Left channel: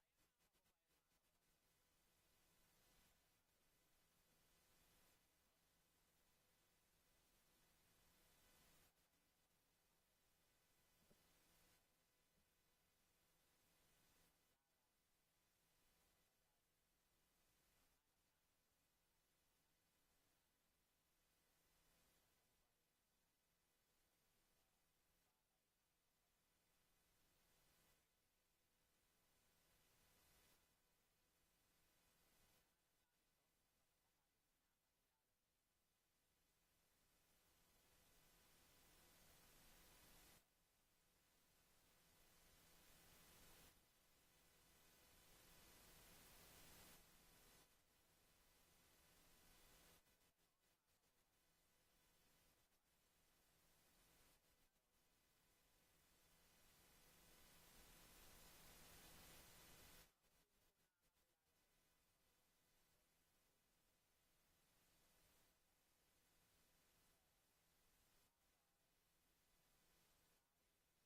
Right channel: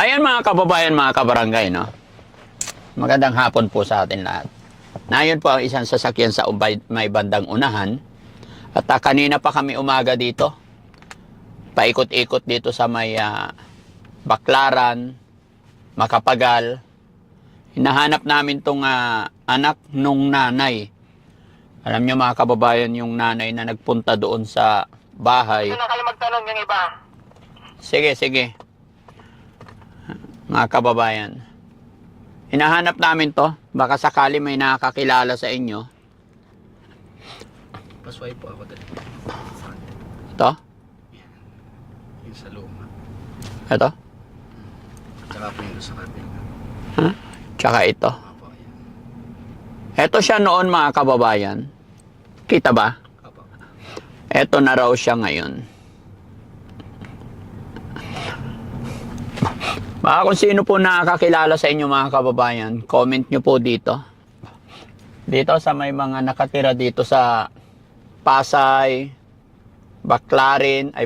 Ayan mga kababayan, mga kabarangay, no? Magandang hapon po sa atin lahat. Nayon po ang isang sasakyan sa may bandang unahan. At kanina pa kami umaga dito. Paikot-ikot dito sa may Baklaran, Makapagal. Hinahanap namin tong anak nung nanay. Alam nyo mga kababayan, yung nanay na nagpunta doon sa bahay. Gusto na kayo magtanong yung iba. Sige, sige. Mga kababayan. Hinahanap namin to. Baka sakali may nakakilala sa inyo. Pasway po ako dali. Ito? Yung sa luma. Ito? Tsaka po yung sa kapil. Huh? Tsaka ito. Apo, yan. Ito siya noon mga kababayan. Kita ba? Apo. Ito na raw siya ngayon. Baka kung sino po nakakilala sa inyo mga kababayan, comment nyo po dito. Dito sa may mga nakatira dito sa Pasay, Baklaran,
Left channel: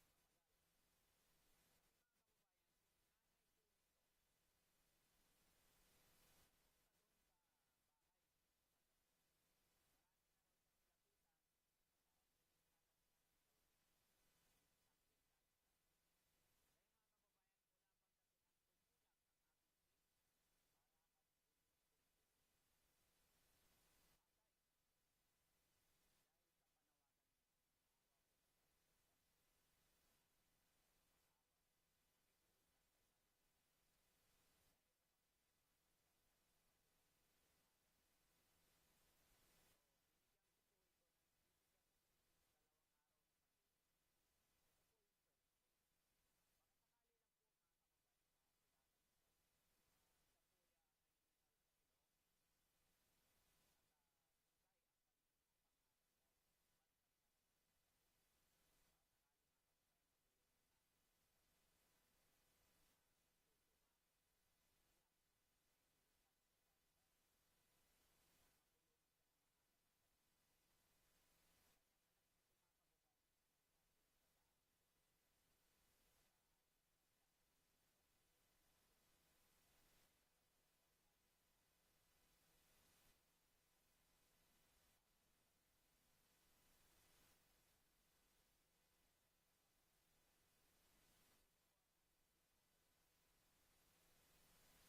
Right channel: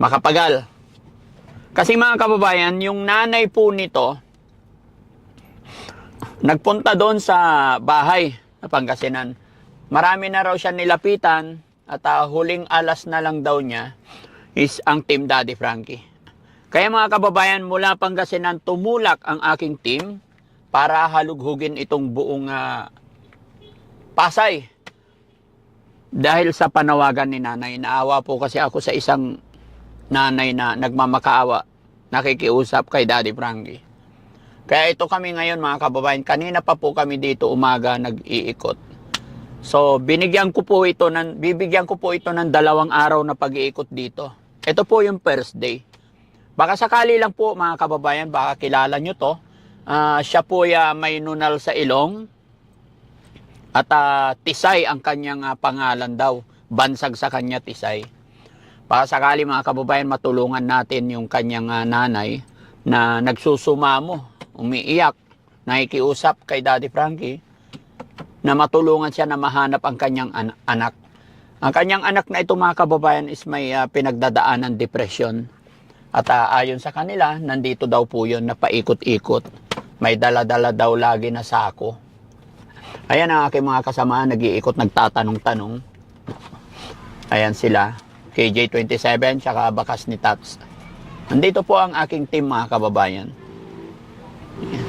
Makapagal. Kasi mga kababayan, yung nanay po nito, nagpunta doon sa bahay na Pangasinan. Marami na raw siya nilapitan at huling alas na lang daw niya is ang Team Daddy Frankie. Kaya mga kababayan, mula Pangasinan tumulak ang aking team para halughugin itong buong Pasay. Dahil sa panawagan ni nanay, naawa po kasi ako sa isang nanay na nagmamakaawa, nakikiusap kay Daddy Frankie. Kaya ito kami ngayon mga kababayan, kanina pa po kami dito umaga nag-iikot. So bibigyan ko po ito ng 2 araw na pag-iikot dito. Ito po yung first day. Baka sakali lang po mga kababayan, baka kilala nyo to. Siya po may nunal sa ilong. At Tisay ang kanyang pangalan daw. Bansag sa kanya Tisay. Baka sakali mga kababayan, matulungan natin yung kanyang nanay na nagsusumamo, umiiyak, nakikiusap kay Daddy Frankie na matulungan siya na mahanap ang kanyang anak. Ang kanyang anak na ito mga kababayan is may pinagdadaanan depression. At ayon sa kanila, nandito daw po yun na paikot-ikot. May dala-dala daw lagi na sako. Ayan ang aking mga kasamaan, nag-iikot, nagtatanong-tanong. Ayan sila, KJ27, tsaka bakas ni Tats. Nandito po ang aking team mga kababayan. Ayan.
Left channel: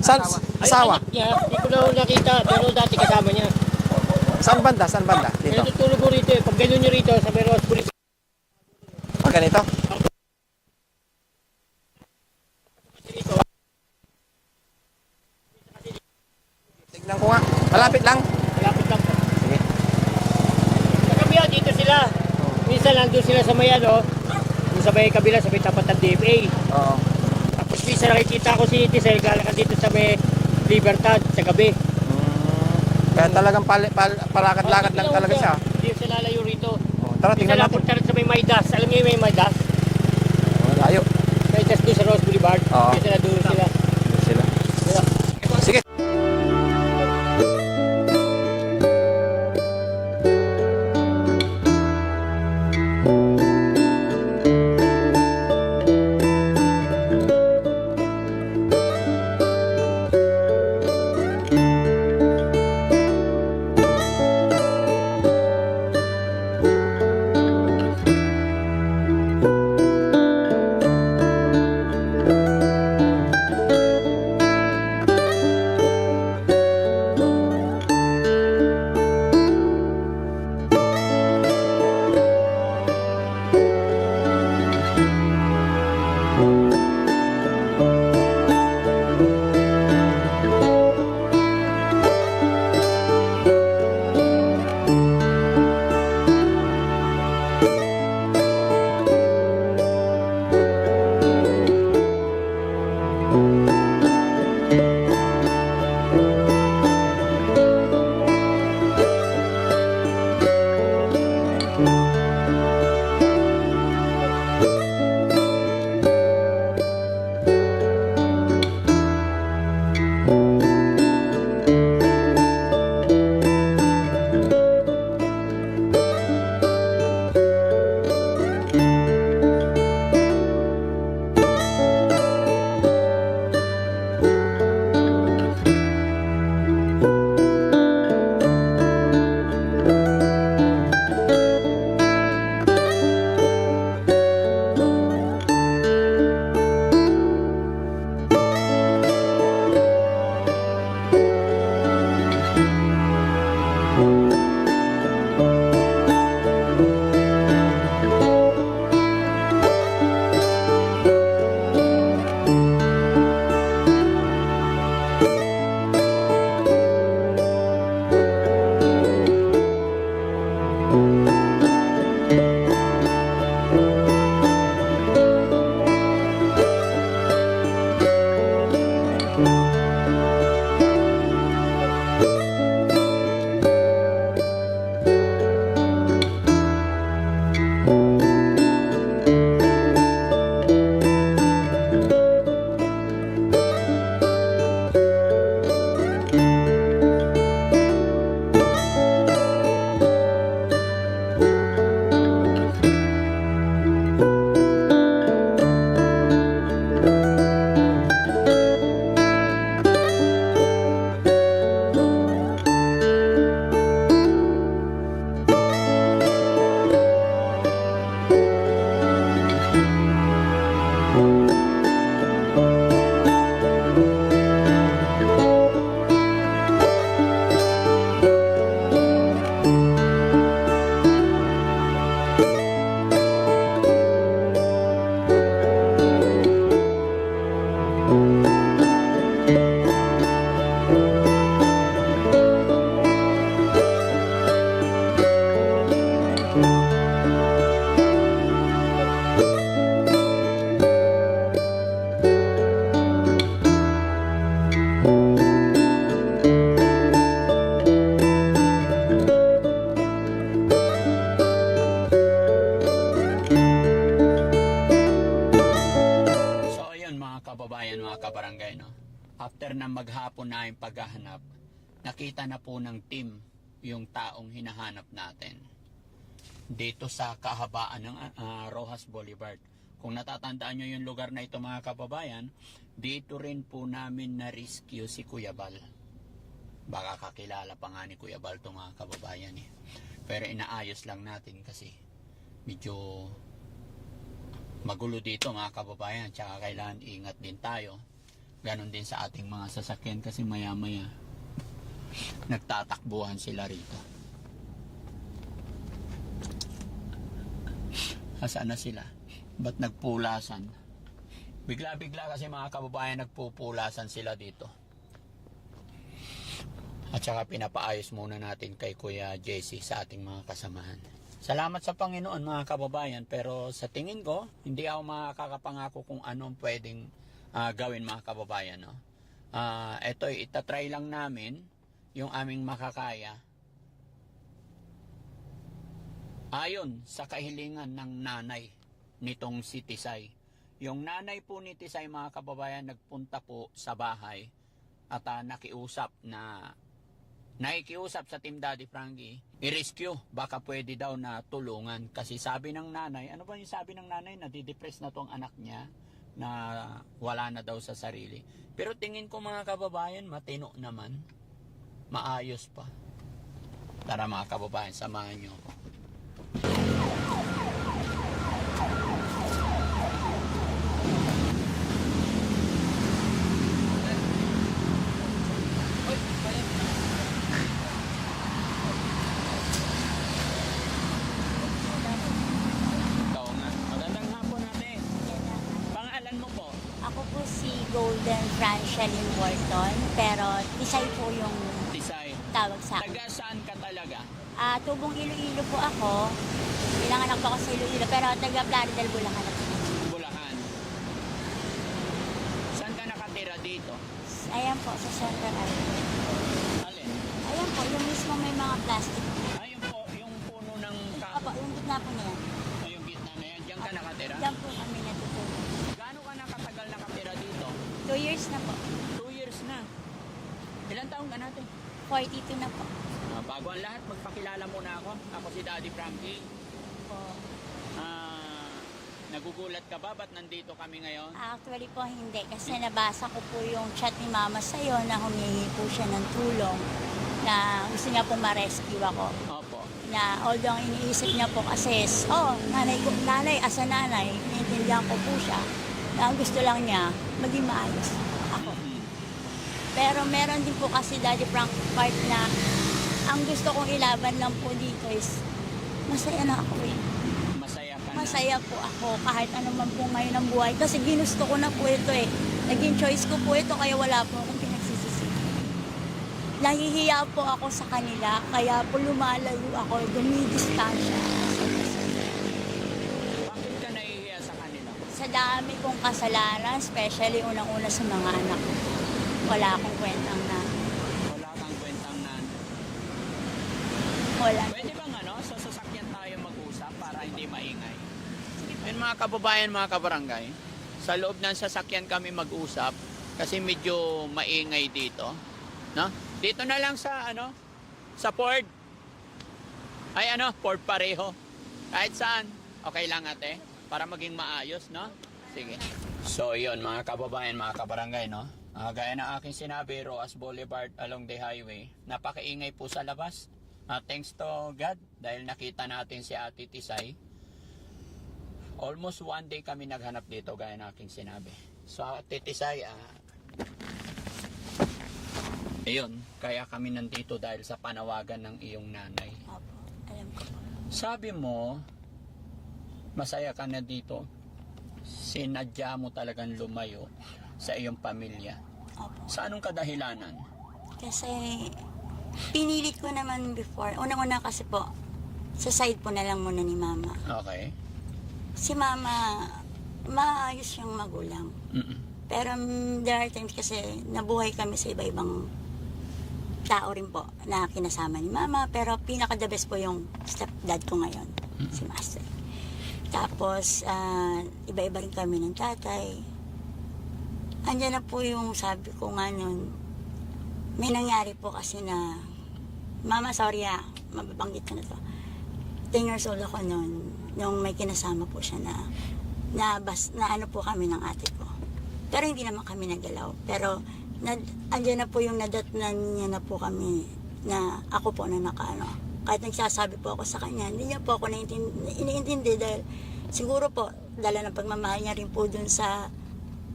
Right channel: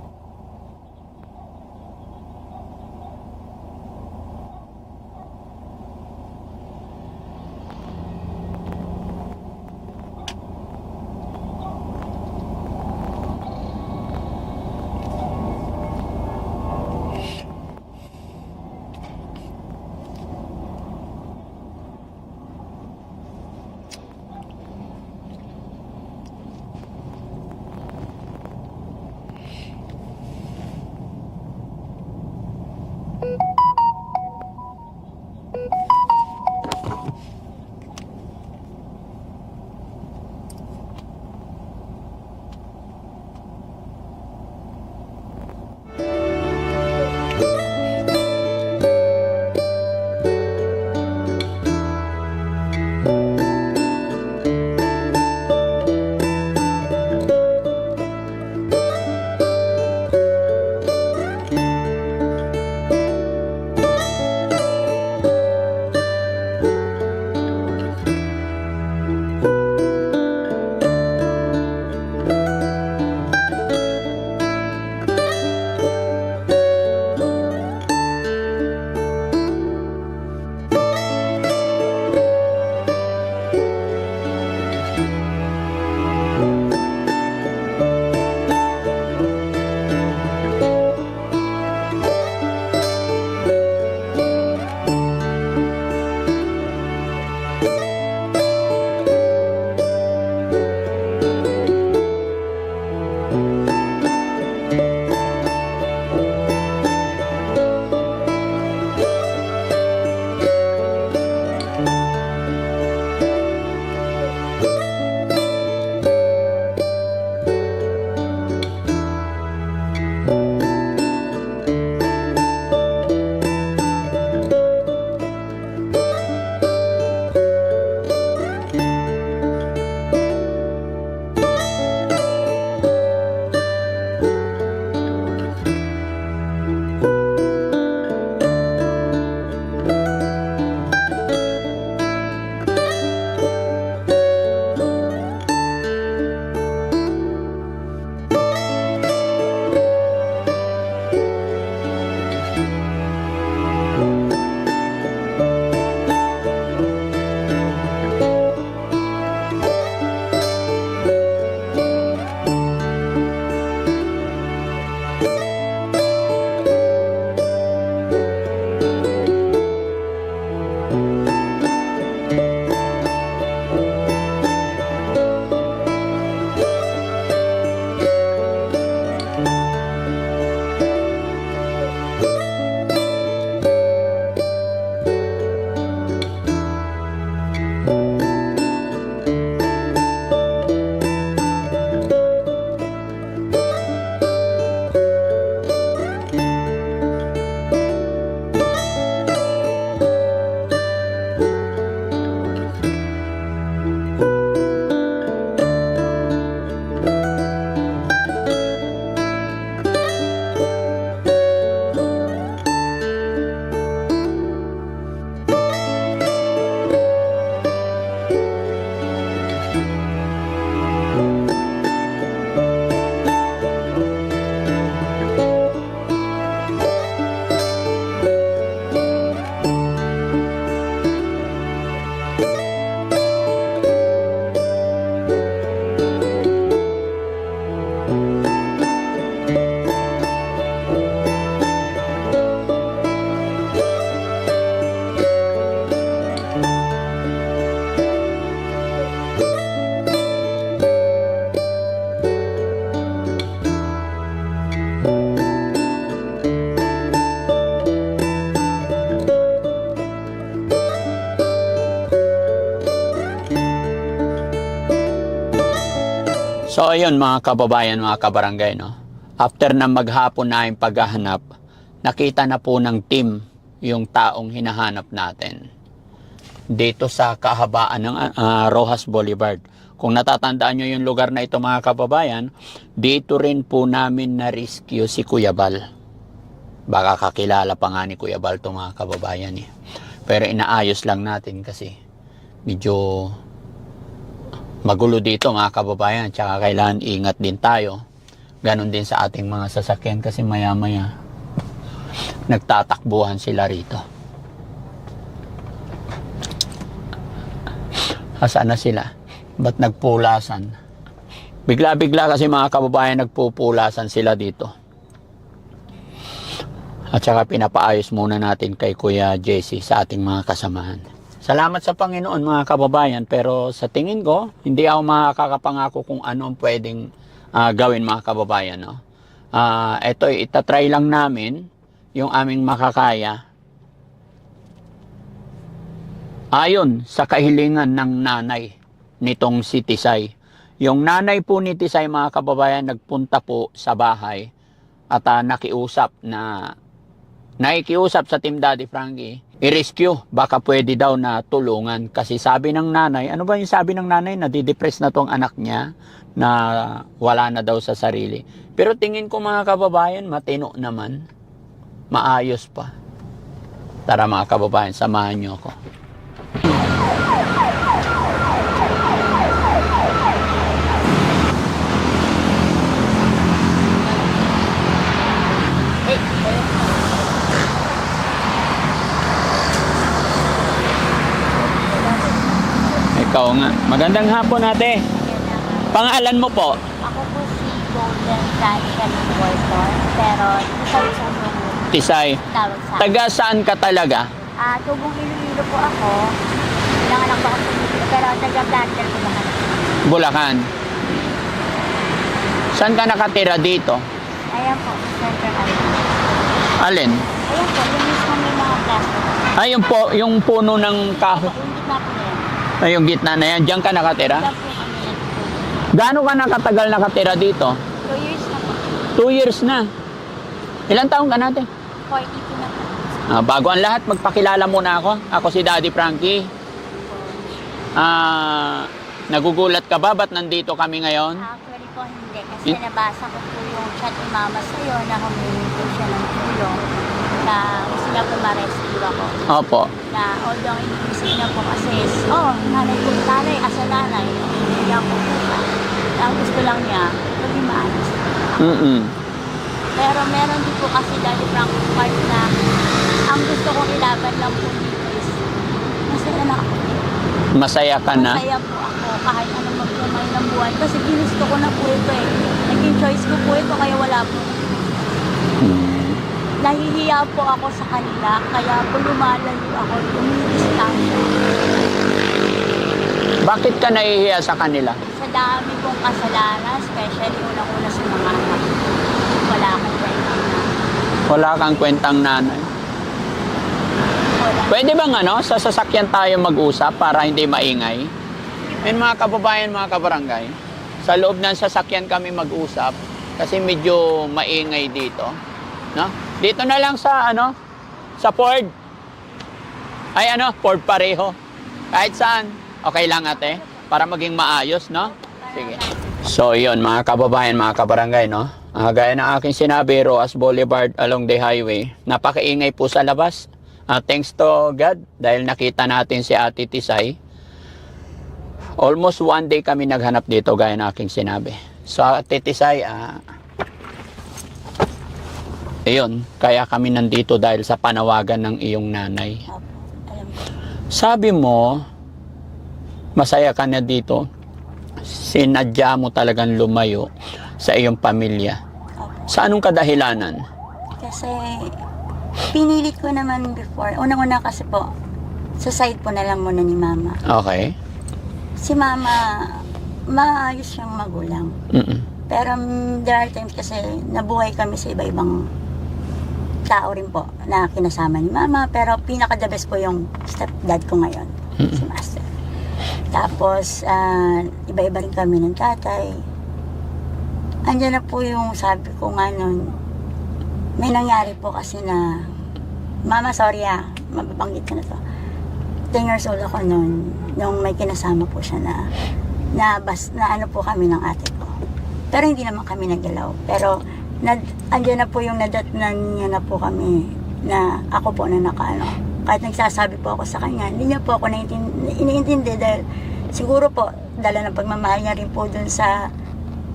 Saan? Asawa? Ay, anak niya, hindi ko na nakita, pero dati kasama niya. Saan banda? Saan banda? Dito. Dito. Natutulog ko rito eh. Pag ganun nyo rito, sa Meros Police. Pag ganito? Tignan mo nga. Malapit lang. Malapit lang po. Sige. Sa kabila, dito sila. Minsan nandun sila sa may ano, yung sa may kabila, sa may tapat ng DFA. Oo. Tapos minsan nakikita ko si Tisel, galakan dito sa may Libertad, sa gabi. Kaya talagang palakad-lakad lang talaga siya. Hindi siya lalayo rito. Tara, Minsan tingnan natin. napunta rin sa may Maydas. Alam niyo yung may Maydas? Layo. Maydas doon sa Rose Boulevard. Oo. Dito na doon sila. Sila. Sige. So ayun mga kababayan, mga kabarangay, no? After na maghapon na yung paghahanap, nakita na po ng team yung taong hinahanap natin dito sa kahabaan ng Rojas Boulevard. Kung natatandaan nyo yung lugar na ito mga kababayan, dito rin po namin na-rescue si Kuya Bal. Baka kakilala pa nga ni Kuya Bal ito mga kababayan eh. Pero inaayos lang natin kasi medyo magulo dito mga kababayan, tsaka kailangan ingat din tayo Ganon din sa ating mga sasakyan kasi maya-maya nagtatakbuhan sila rito. Asaan na sila? Ba't nagpulasan? Bigla-bigla kasi mga kababayan nagpupulasan sila dito. At saka pinapaayos muna natin kay Kuya Jesse sa ating mga kasamahan. Salamat sa Panginoon mga kababayan, pero sa tingin ko, hindi ako makakapangako kung ano ang pwedeng gawin mga kababayan. No? Ito, itatry lang namin yung aming makakaya. Ayon sa kahilingan ng nanay nitong si Tisay. Yung nanay po ni Tisay mga kababayan nagpunta po sa bahay at nakiusap sa Team Daddy Frankie, i-rescue, baka pwede daw na tulungan. Kasi sabi ng nanay, ano ba yung sabi ng nanay? Nadidepress na tong anak niya, na wala na daw sa sarili. Pero tingin ko mga kababayan, matino naman. Maayos pa. Tara mga kababayan, samahan niyo ako. Ikaw nga. Magandang hapon ate. Pangalan mo po? Ako po si Golden Francia ng Bolton, pero isang tulong Tisay. tawag sa akin. Taga saan ka talaga? Tubong Iloilo po ako. Nanganak po ako sa Iloilo, pero taga-planter po ba? Bulacan. Saan ka nakatira dito? Ayan po, sa Central Island. Alin? Ayan po, yung mismo may mga plastic. Ay, yung puno ng kahoy. Yung gitna po na yan. Ay, yung gitna na yan. Diyan ka nakatira? Diyan po kami yan. Gaano ka nakatagal nakatira dito? 2 years na po. 2 years na. Ilang taong ka natin? 42 na po. Bago ang lahat, magpakilala muna ako. Ako si Daddy Frankie. Nagugulat ka ba? Ba't nandito kami ngayon? Actually po hindi, kasi nabasa ko po yung chat ni Mama sa'yo na humingi po siya ng tulong na gusto niya po ma-rescue ako. Opo. Na although iniisip niya po kasi nanay as a nanay, hindi niya po siya. Na ang gusto lang niya, maging maayos. Pero meron din po kasi Daddy Frank part na ang gusto kong ilaban lang po dito is masaya na ako. Masaya ka na? Masaya po ako kahit anong magpumay ng buhay. Kasi ginusto ko na po ito eh. Naging choice ko po ito kaya wala po. Nahihiya po ako sa kanila kaya po lumalayo ako, lumidistansya. Bakit ka nahihiya sa kanila? Sa dami kong kasalanan, especially unang-una sa mga anak. Wala akong kwentang na. Wala kang kwentang nanay. Wala. Pwede bang sa sasakyan tayo mag-usap para hindi maingay? And mga kababayan, mga kabarangay, sa loob ng sasakyan kami mag-usap kasi medyo maingay dito. No? Dito na lang sa sa Ford. Ay Ford pareho. Kahit saan. Okay lang ate, para maging maayos, no? Sige. So yun mga kababayan, mga kabarangay, no? Gaya ng aking sinabi, Roas Boulevard along the highway. Napakaingay po sa labas. Thanks to God dahil nakita natin si Ate Tisay. Almost 1 day kami naghanap dito gaya ng aking sinabi. So Ate Tisay, ayun, kaya kami nandito dahil sa panawagan ng iyong nanay. Opo, alam ko. Sabi mo, masaya ka na dito. Sinadya mo talagang lumayo sa iyong pamilya. Opo. Sa anong kadahilanan? Kasi pinilit ko naman before. Unang-una kasi po, sa side po na lang muna ni Mama. Okay. Si Mama, maayos siyang magulang. Pero there are times kasi nabuhay kami sa iba-ibang tao rin po na kinasama ni Mama. Pero pinaka-the best po yung stepdad ko ngayon, si Master. Tapos, iba-iba rin kami ng tatay. Andiyan na po yung sabi ko nga nun, may nangyari po kasi na, Mama, sorry mababanggit ko na to. 10 years old ako nun, nung may kinasama po siya na ano po kami ng ate ko. Pero hindi naman kami nagalaw. Pero, andyan na po yung nadatnan niya na po kami, na ako po na nakaano. Kahit nagsasabi po ako sa kanya, hindi niya po ako iniintindi dahil siguro po, dala ng pagmamahal niya rin po dun sa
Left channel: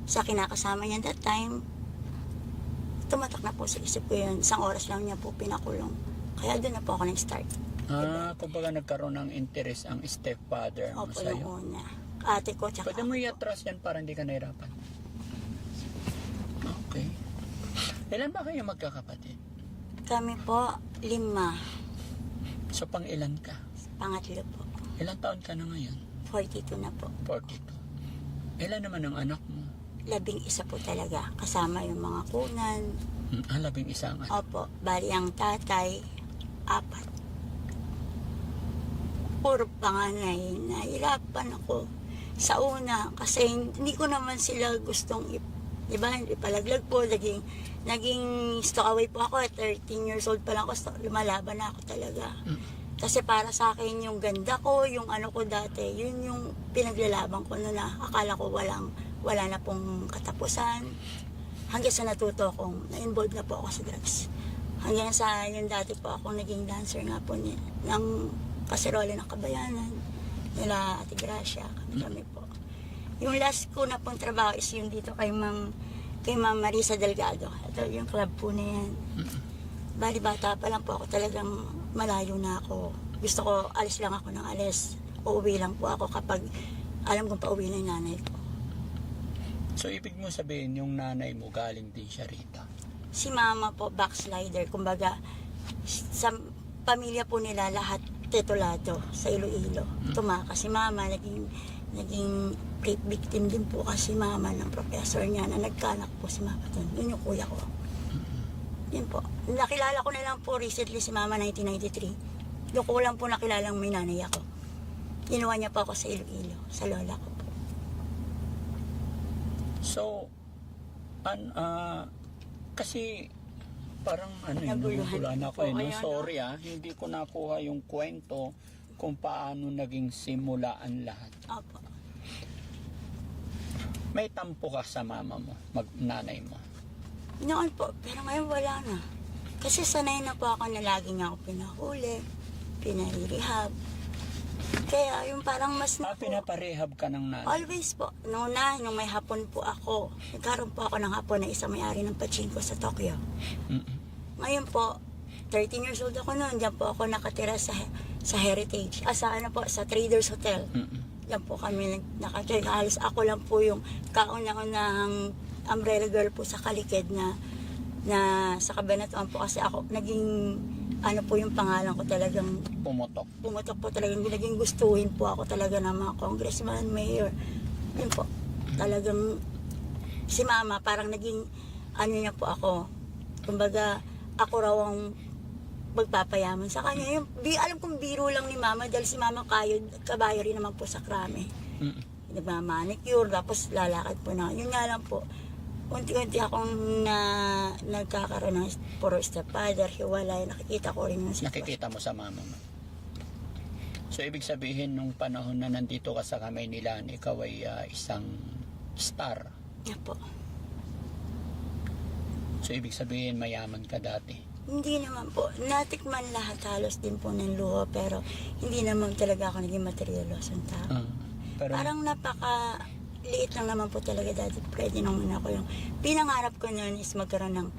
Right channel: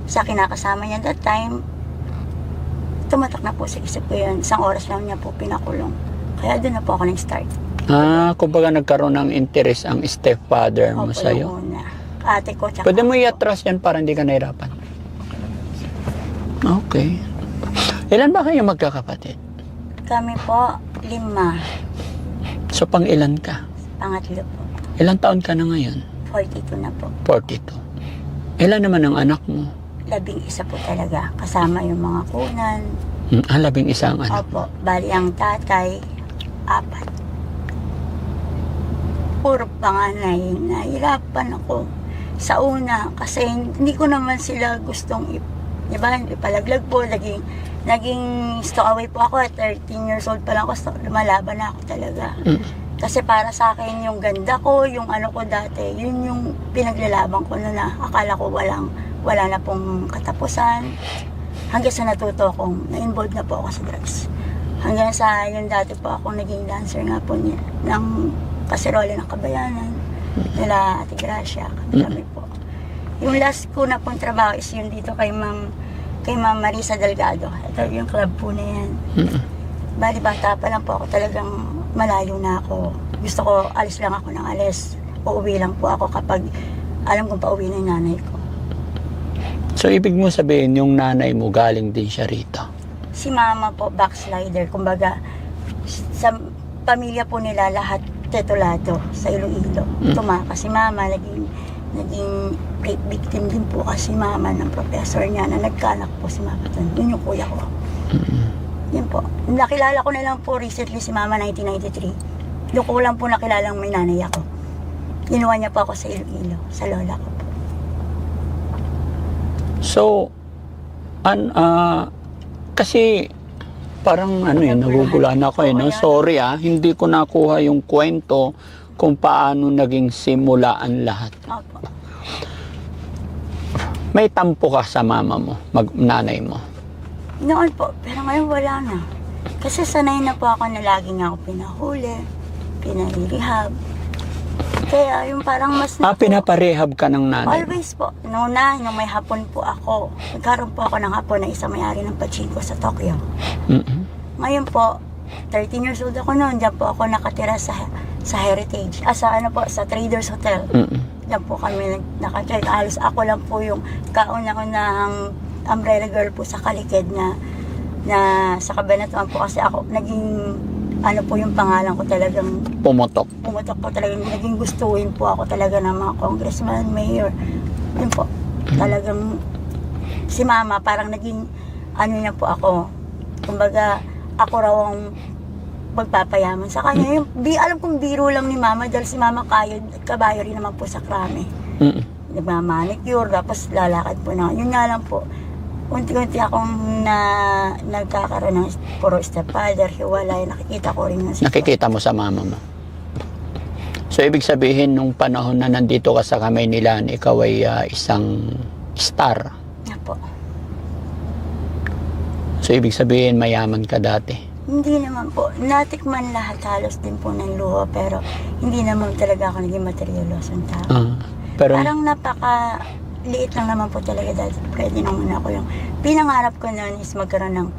kinakasama niya that time, tumatak na po sa isip ko yun. Isang oras lang niya po pinakulong. Kaya doon na po ako nag-start. Kumbaga nagkaroon ng interest ang stepfather mo Opo, sa'yo. yung una. Ate ko, tsaka Pwede mo ako. i-atras yan para hindi ka nahirapan. Okay. Ilan ba kayo magkakapatid? Kami po, 5. So, pang ilan ka? Pangatlo po. Ilang taon ka na ngayon? 42 na po. 42. Ilan naman ang anak mo? 11 po talaga. Kasama yung mga kunan. 11 ang anak. Opo, bali ang tatay, 4. Puro panganay. Nahirapan ako sa una kasi hindi ko naman sila gustong diba, hindi palaglag po. Naging stowaway po ako at 13 years old pa lang ako. Lumalaban na ako talaga. Kasi para sa akin yung ganda ko, yung ano ko dati, yun yung pinaglalaban ko na akala ko wala na pong katapusan. Hanggang sa natuto akong na-involved na po ako sa drugs. Hanggang sa yung dati po ako naging dancer nga po niya ng kaserola ng Kabayanan nila Ate Gracia, kami po. Yung last ko na pong trabaho is yun dito kay Ma'am Marisa Delgado. Ito yung club po na yan. Bali bata pa lang po ako, talagang malayo na ako. Gusto ko alis lang ako ng alis. Uuwi lang po ako kapag alam kong pauwi na yung nanay ko. So, ibig mo sabihin, yung nanay mo galing din siya rito? Si mama po, backslider. Kumbaga, sa pamilya po nila, lahat tetulado sa Iloilo. Tumakas si mama, naging rape victim din po kasi mama ng professor niya na nagkanak po si mama doon. Yun yung kuya ko. Yun po. Nakilala ko na lang po recently si mama 1993. Doon ko lang po nakilalang may nanay ako. Ginawa niya po ako sa Iloilo, sa lola ko po. So, kasi parang nagugulan ako no? Sorry hindi ko nakuha yung kwento kung paano naging simula ang lahat. Opo. May tampo ka sa mama mo, nanay mo. Noon po, pero ngayon wala na. Kasi sanay na po ako na lagi nga ako pinahuli, pinahirihab. Kaya yung parang mas Pinaparehab ka ng nanay mo? always po. Nung may hapon po ako, nagkaroon po ako ng hapon na isang may-ari ng pachinko sa Tokyo. Ngayon po, 13 years old ako noon, diyan po ako nakatira sa Heritage. Sa Traders Hotel. Diyan po kami nakatira. Halos ako lang po yung kauna-unahang umbrella girl po sa Kalikid na sa Cabanatuan po kasi ako naging po yung pangalan ko talagang Pumutok. po talagang naging gustuhin po ako talaga ng mga congressman, mayor. Yun po. Talagang si mama parang naging niya po ako. Kumbaga ako raw ang magpapayaman sa kanya. Yung, alam kong biro lang ni mama dahil si mama kabayo rin naman po sa krame. Nagmamanicure, tapos lalakad po na. Yun nga lang po. Unti-unti akong nagkakaroon ng puro stepfather, hiwalay, nakikita ko rin na Nakikita mo sa mama mo. So, ibig sabihin, nung panahon na nandito ka sa kamay nila, ikaw ay isang star. Nga po. So, ibig sabihin, mayaman ka dati. Hindi naman po. Natikman lahat halos din po ng luho, pero hindi naman talaga ako naging materialosong tao. Pero, Parang liit lang naman po talaga dati. Pwede naman ako yung pinangarap ko noon is magkaroon ng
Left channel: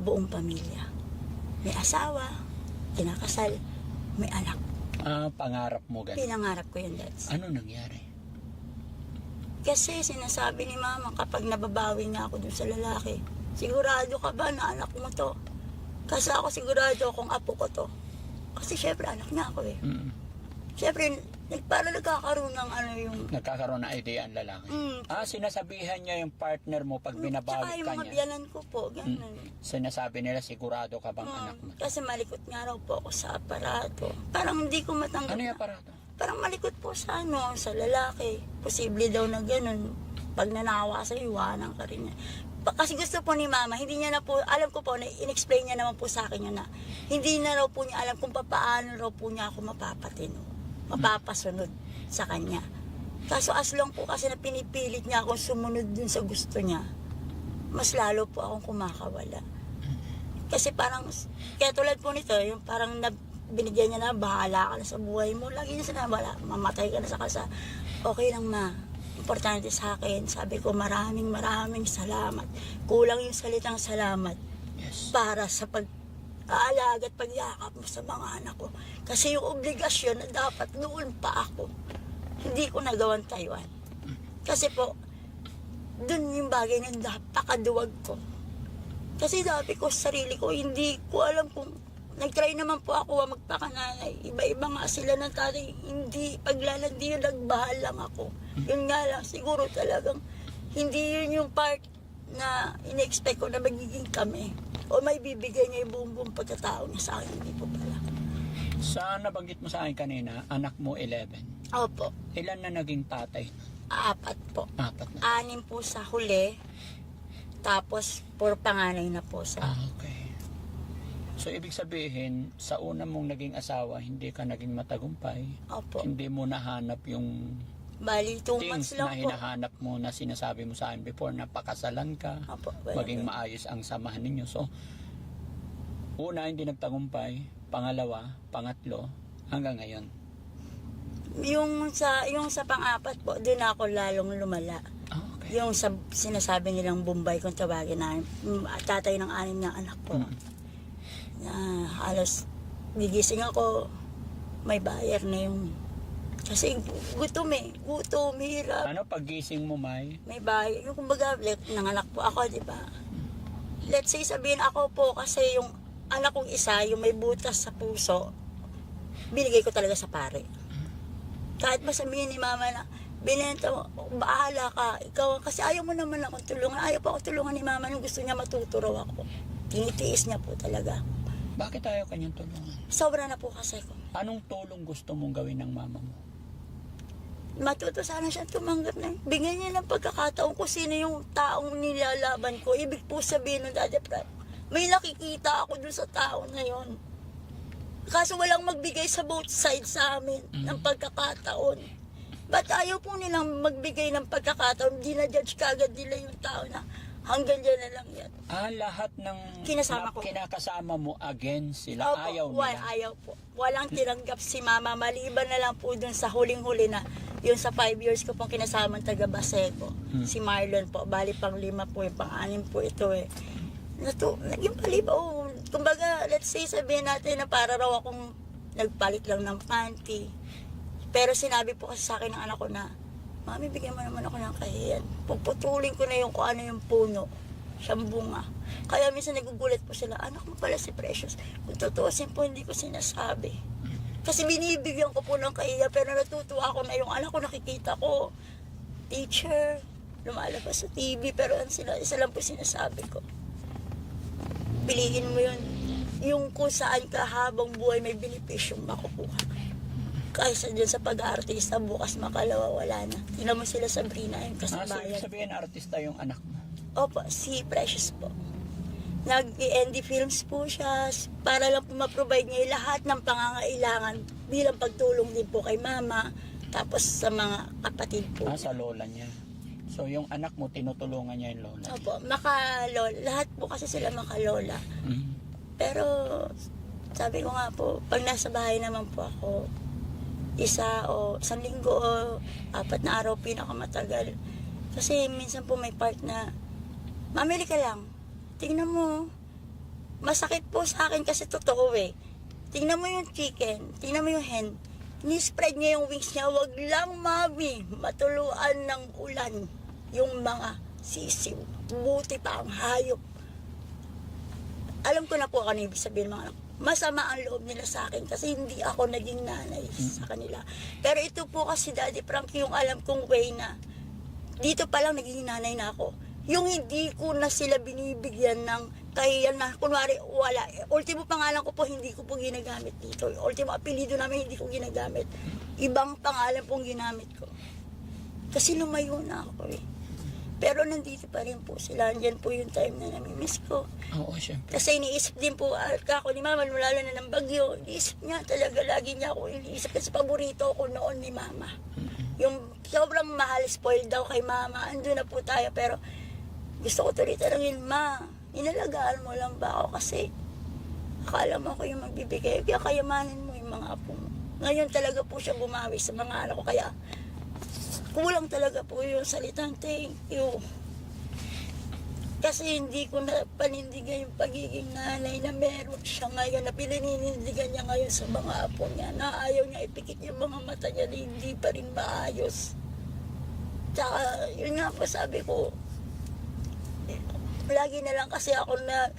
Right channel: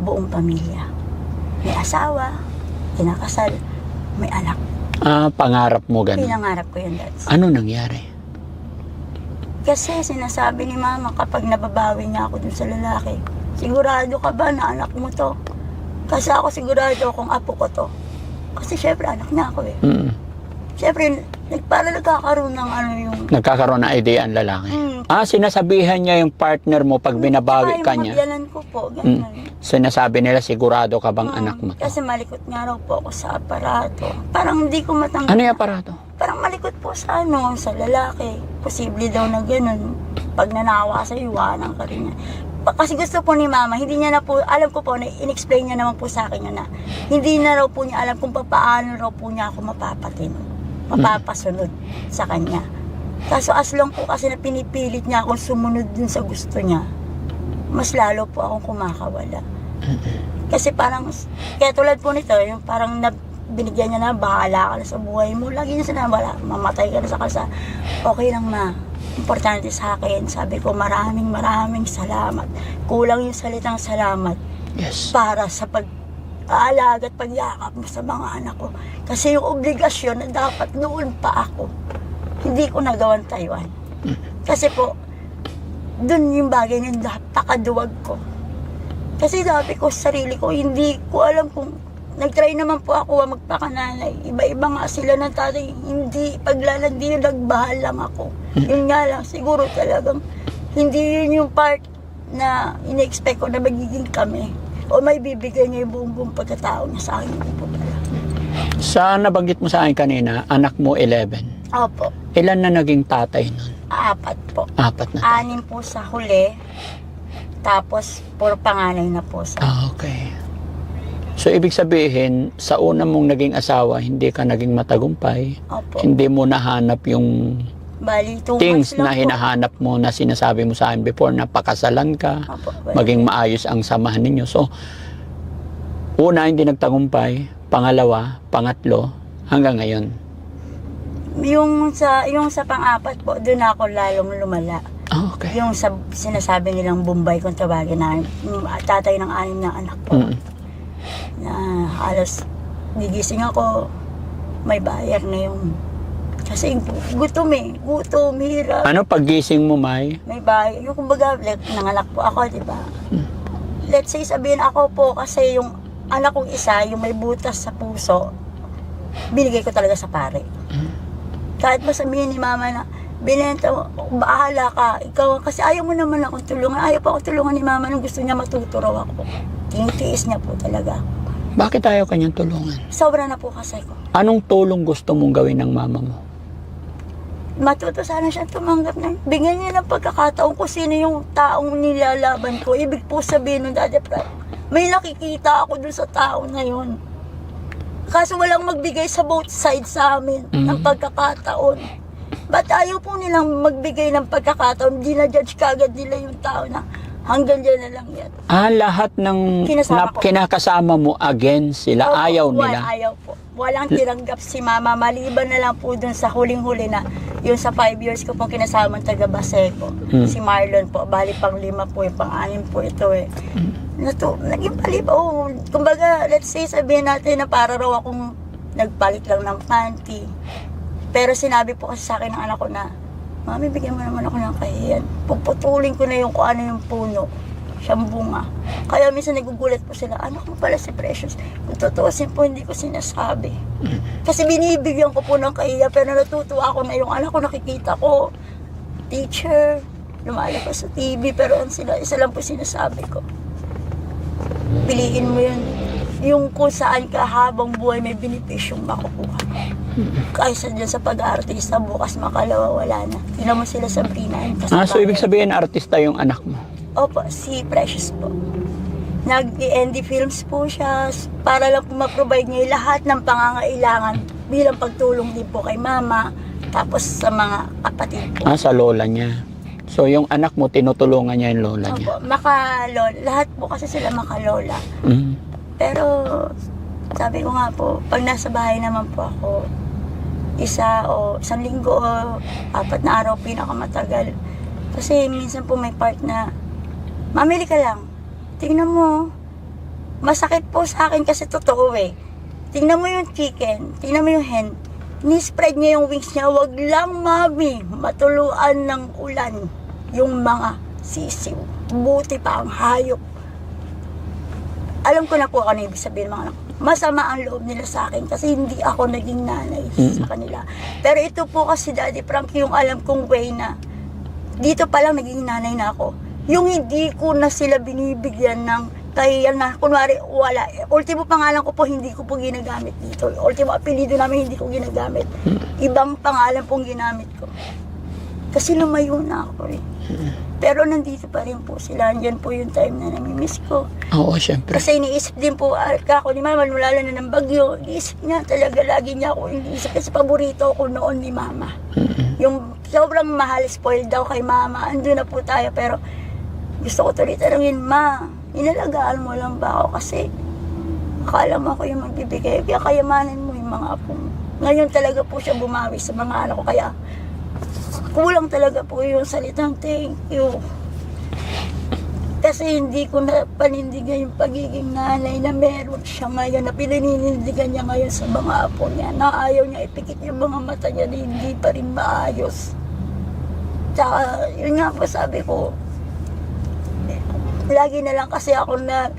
buong pamilya. May asawa, kinakasal, may anak. pangarap mo ganun. Pinangarap ko yun dati. Ano nangyari? Kasi sinasabi ni mama kapag nababawi niya ako dun sa lalaki, sigurado ka ba na anak mo to? Kasi ako sigurado kung apo ko to. Kasi syempre anak niya ako eh. Syempre, para nagkakaroon ng yung... Nagkakaroon ng idea ang lalaki. Sinasabihan niya yung partner mo pag binabawi ka niya. Yung mga ko po, ganun. Sinasabi nila, sigurado ka bang anak mo to? Kasi malikot nga raw po ako sa aparato. Parang hindi ko matanggap. Ano yung aparato? Parang malikot po sa sa lalaki. Posible daw na ganun. Pag nanawa sa iwanan ka rin niya. Kasi gusto po ni mama, hindi niya na po, alam ko po, in-explain niya naman po sa akin yun na, hindi na raw po niya alam kung paano raw po niya ako mapapasunod sa kanya. Kaso as long po kasi na pinipilit niya akong sumunod dun sa gusto niya, mas lalo po akong kumakawala. Kasi parang, kaya tulad po nito, yung parang binigyan niya na, bahala ka na sa buhay mo. Lagi niya sinabi, mamatay ka na sa kalsa. Okay lang ma, importante sa akin. Sabi ko, maraming salamat. Kulang yung salitang salamat. Yes. para sa pag-aalaga at pagyakap mo sa mga anak ko. Kasi yung obligasyon na dapat noon pa ako, hindi ko nagawan Taiwan. Kasi po, dun yung bagay na napakaduwag ko. Kasi dati ko sa sarili ko, hindi ko alam kung nag-try naman po ako magpakananay. Iba-iba nga sila ng tatay. Hindi, paglalandi yung nagbahala lang ako. Yun nga lang, siguro talagang hindi yun yung part na in-expect ko na magiging kami. O may bibigay niya yung buong pagkatao niya sa akin. Hindi po pala. Sa nabanggit mo sa akin kanina, anak mo 11. Opo, Ilan na naging tatay nun? 4 po. 4 na. 6 po sa huli. Tapos, puro panganay na po sa... Okay. So, ibig sabihin, sa una mong naging asawa, hindi ka naging matagumpay. Opo. Hindi mo nahanap yung Bali, 2 things months lang na hinahanap mo na sinasabi mo sa akin before na pakasalan ka, Opo. maging maayos ang samahan ninyo. So, una, hindi nagtagumpay. Pangalawa, pangatlo, hanggang ngayon. Yung sa pang-4 po, doon ako lalong lumala. Okay. Yung sa sinasabi nilang Bombay kung tawagin na tatay ng 6 na anak po. Na halos gigising ako, may bayar na yung kasi gutom, hirap. Ano paggising mo, May? May bayar. Yung kumbaga, nanganak po ako, di ba? Let's say sabihin ako po kasi yung anak kong isa, yung may butas sa puso, binigay ko talaga sa pare. Kahit masabihin ni mama na, binenta mo, bahala ka, ikaw, kasi ayaw mo naman akong tulungan. Ayaw pa akong tulungan ni mama nung gusto niya matuto raw ako. Tinitiis niya po talaga. Bakit ayaw kanyang tulungan? Sobra na po kasi ko. Anong tulong gusto mong gawin ng mama mo? Matuto sana siya tumanggap na. Bigyan niya ng pagkakataon kung sino yung taong nilalaban ko. Ibig po sabihin nun, Daddy Frank, may nakikita ako dun sa tao na yun. Kaso walang magbigay sa both sides sa amin ng pagkakataon. Ba't ayaw po nilang magbigay ng pagkakataon? Di na judge kagad nila yung tao na hanggang dyan na lang yan. Lahat ng Kinasama ko. kinakasama mo against sila, Opo, ayaw nila. Ayaw po. Walang tiranggap si mama. Maliban na lang po dun sa huling-huli na yung sa 5 years ko pong kinasama ng taga Baseco. Si Marlon po. Bali pang 5 po, yung pang 6 po ito eh. Naging palibaw. Kumbaga, let's say sabihin natin na para raw akong nagpalit lang ng panty. Pero sinabi po kasi sa akin ng anak ko na, Mami, bigyan mo naman ako ng kahiyan. Pagputulin ko na yung kung ano yung puno. Siyang bunga. Kaya minsan nagugulat po sila, anak mo pala si Precious. Kung tutuusin po, hindi ko sinasabi. Kasi binibigyan ko po ng kahiya, pero natutuwa ako na yung anak ko nakikita ko. Teacher, lumalabas sa TV, pero isa lang po sinasabi ko. Piliin mo yun. Yung kung saan ka habang buhay may benepisyong makukuha. Kaysa dyan sa pag-aartista, bukas makalawa, wala na. Tingnan mo sila sa Sabrina. So ibig sabihin, artista yung anak mo? Opo, si Precious po. Nag-ND Films po siya para lang po ma-provide niya lahat ng pangangailangan bilang pagtulong din po kay mama, tapos sa mga kapatid po. Sa lola niya. So yung anak mo, tinutulungan niya yung lola niya? Opo, makalola. Lahat po kasi sila makalola. Pero sabi ko nga po, pag nasa bahay naman po ako, 1 linggo o 4 na araw pinakamatagal. Kasi minsan po may part na, mamili ka lang. Tingnan mo, masakit po sa akin kasi totoo eh. Tingnan mo yung chicken, tingnan mo yung hen. Ni-spread niya yung wings niya, wag lang mami, matuluan ng ulan yung mga sisiw. Buti pa ang hayop. Alam ko na po ano ibig sabihin mga anak. Masama ang loob nila sa akin kasi hindi ako naging nanay sa kanila. Pero ito po kasi Daddy Frank, yung alam kong way na dito pa lang naging nanay na ako. Yung hindi ko na sila binibigyan ng kahiyan na, kunwari, wala. Ultimo pangalan ko po, hindi ko po ginagamit dito. Ultimo apelido namin, hindi ko ginagamit. Ibang pangalan pong ginamit ko. Kasi lumayo na ako eh. Pero nandito pa rin po sila. Andyan po yung time na namimiss ko. Oo, syempre. Kasi iniisip din po ako ni Mama, wala na ng bagyo. Iniisip niya talaga, lagi niya ako iniisip. Kasi paborito ko noon ni Mama. Yung sobrang mahal, spoiled daw kay Mama. Andun na po tayo, pero gusto ko tuloy tanungin, Ma, inalagaan mo lang ba ako? Kasi akala mo ako yung magbibigay. Kaya kayamanin mo yung mga apo mo. Ngayon talaga po siya bumawi sa mga anak ko. Kaya kulang talaga po yung salitang thank you. Kasi hindi ko na panindigan yung pagiging nanay na meron siya ngayon, na pinaninindigan niya ngayon sa mga apo niya, na ayaw niya ipikit yung mga mata niya na hindi pa rin maayos. Tsaka, yun nga po sabi ko, lagi na lang kasi ako na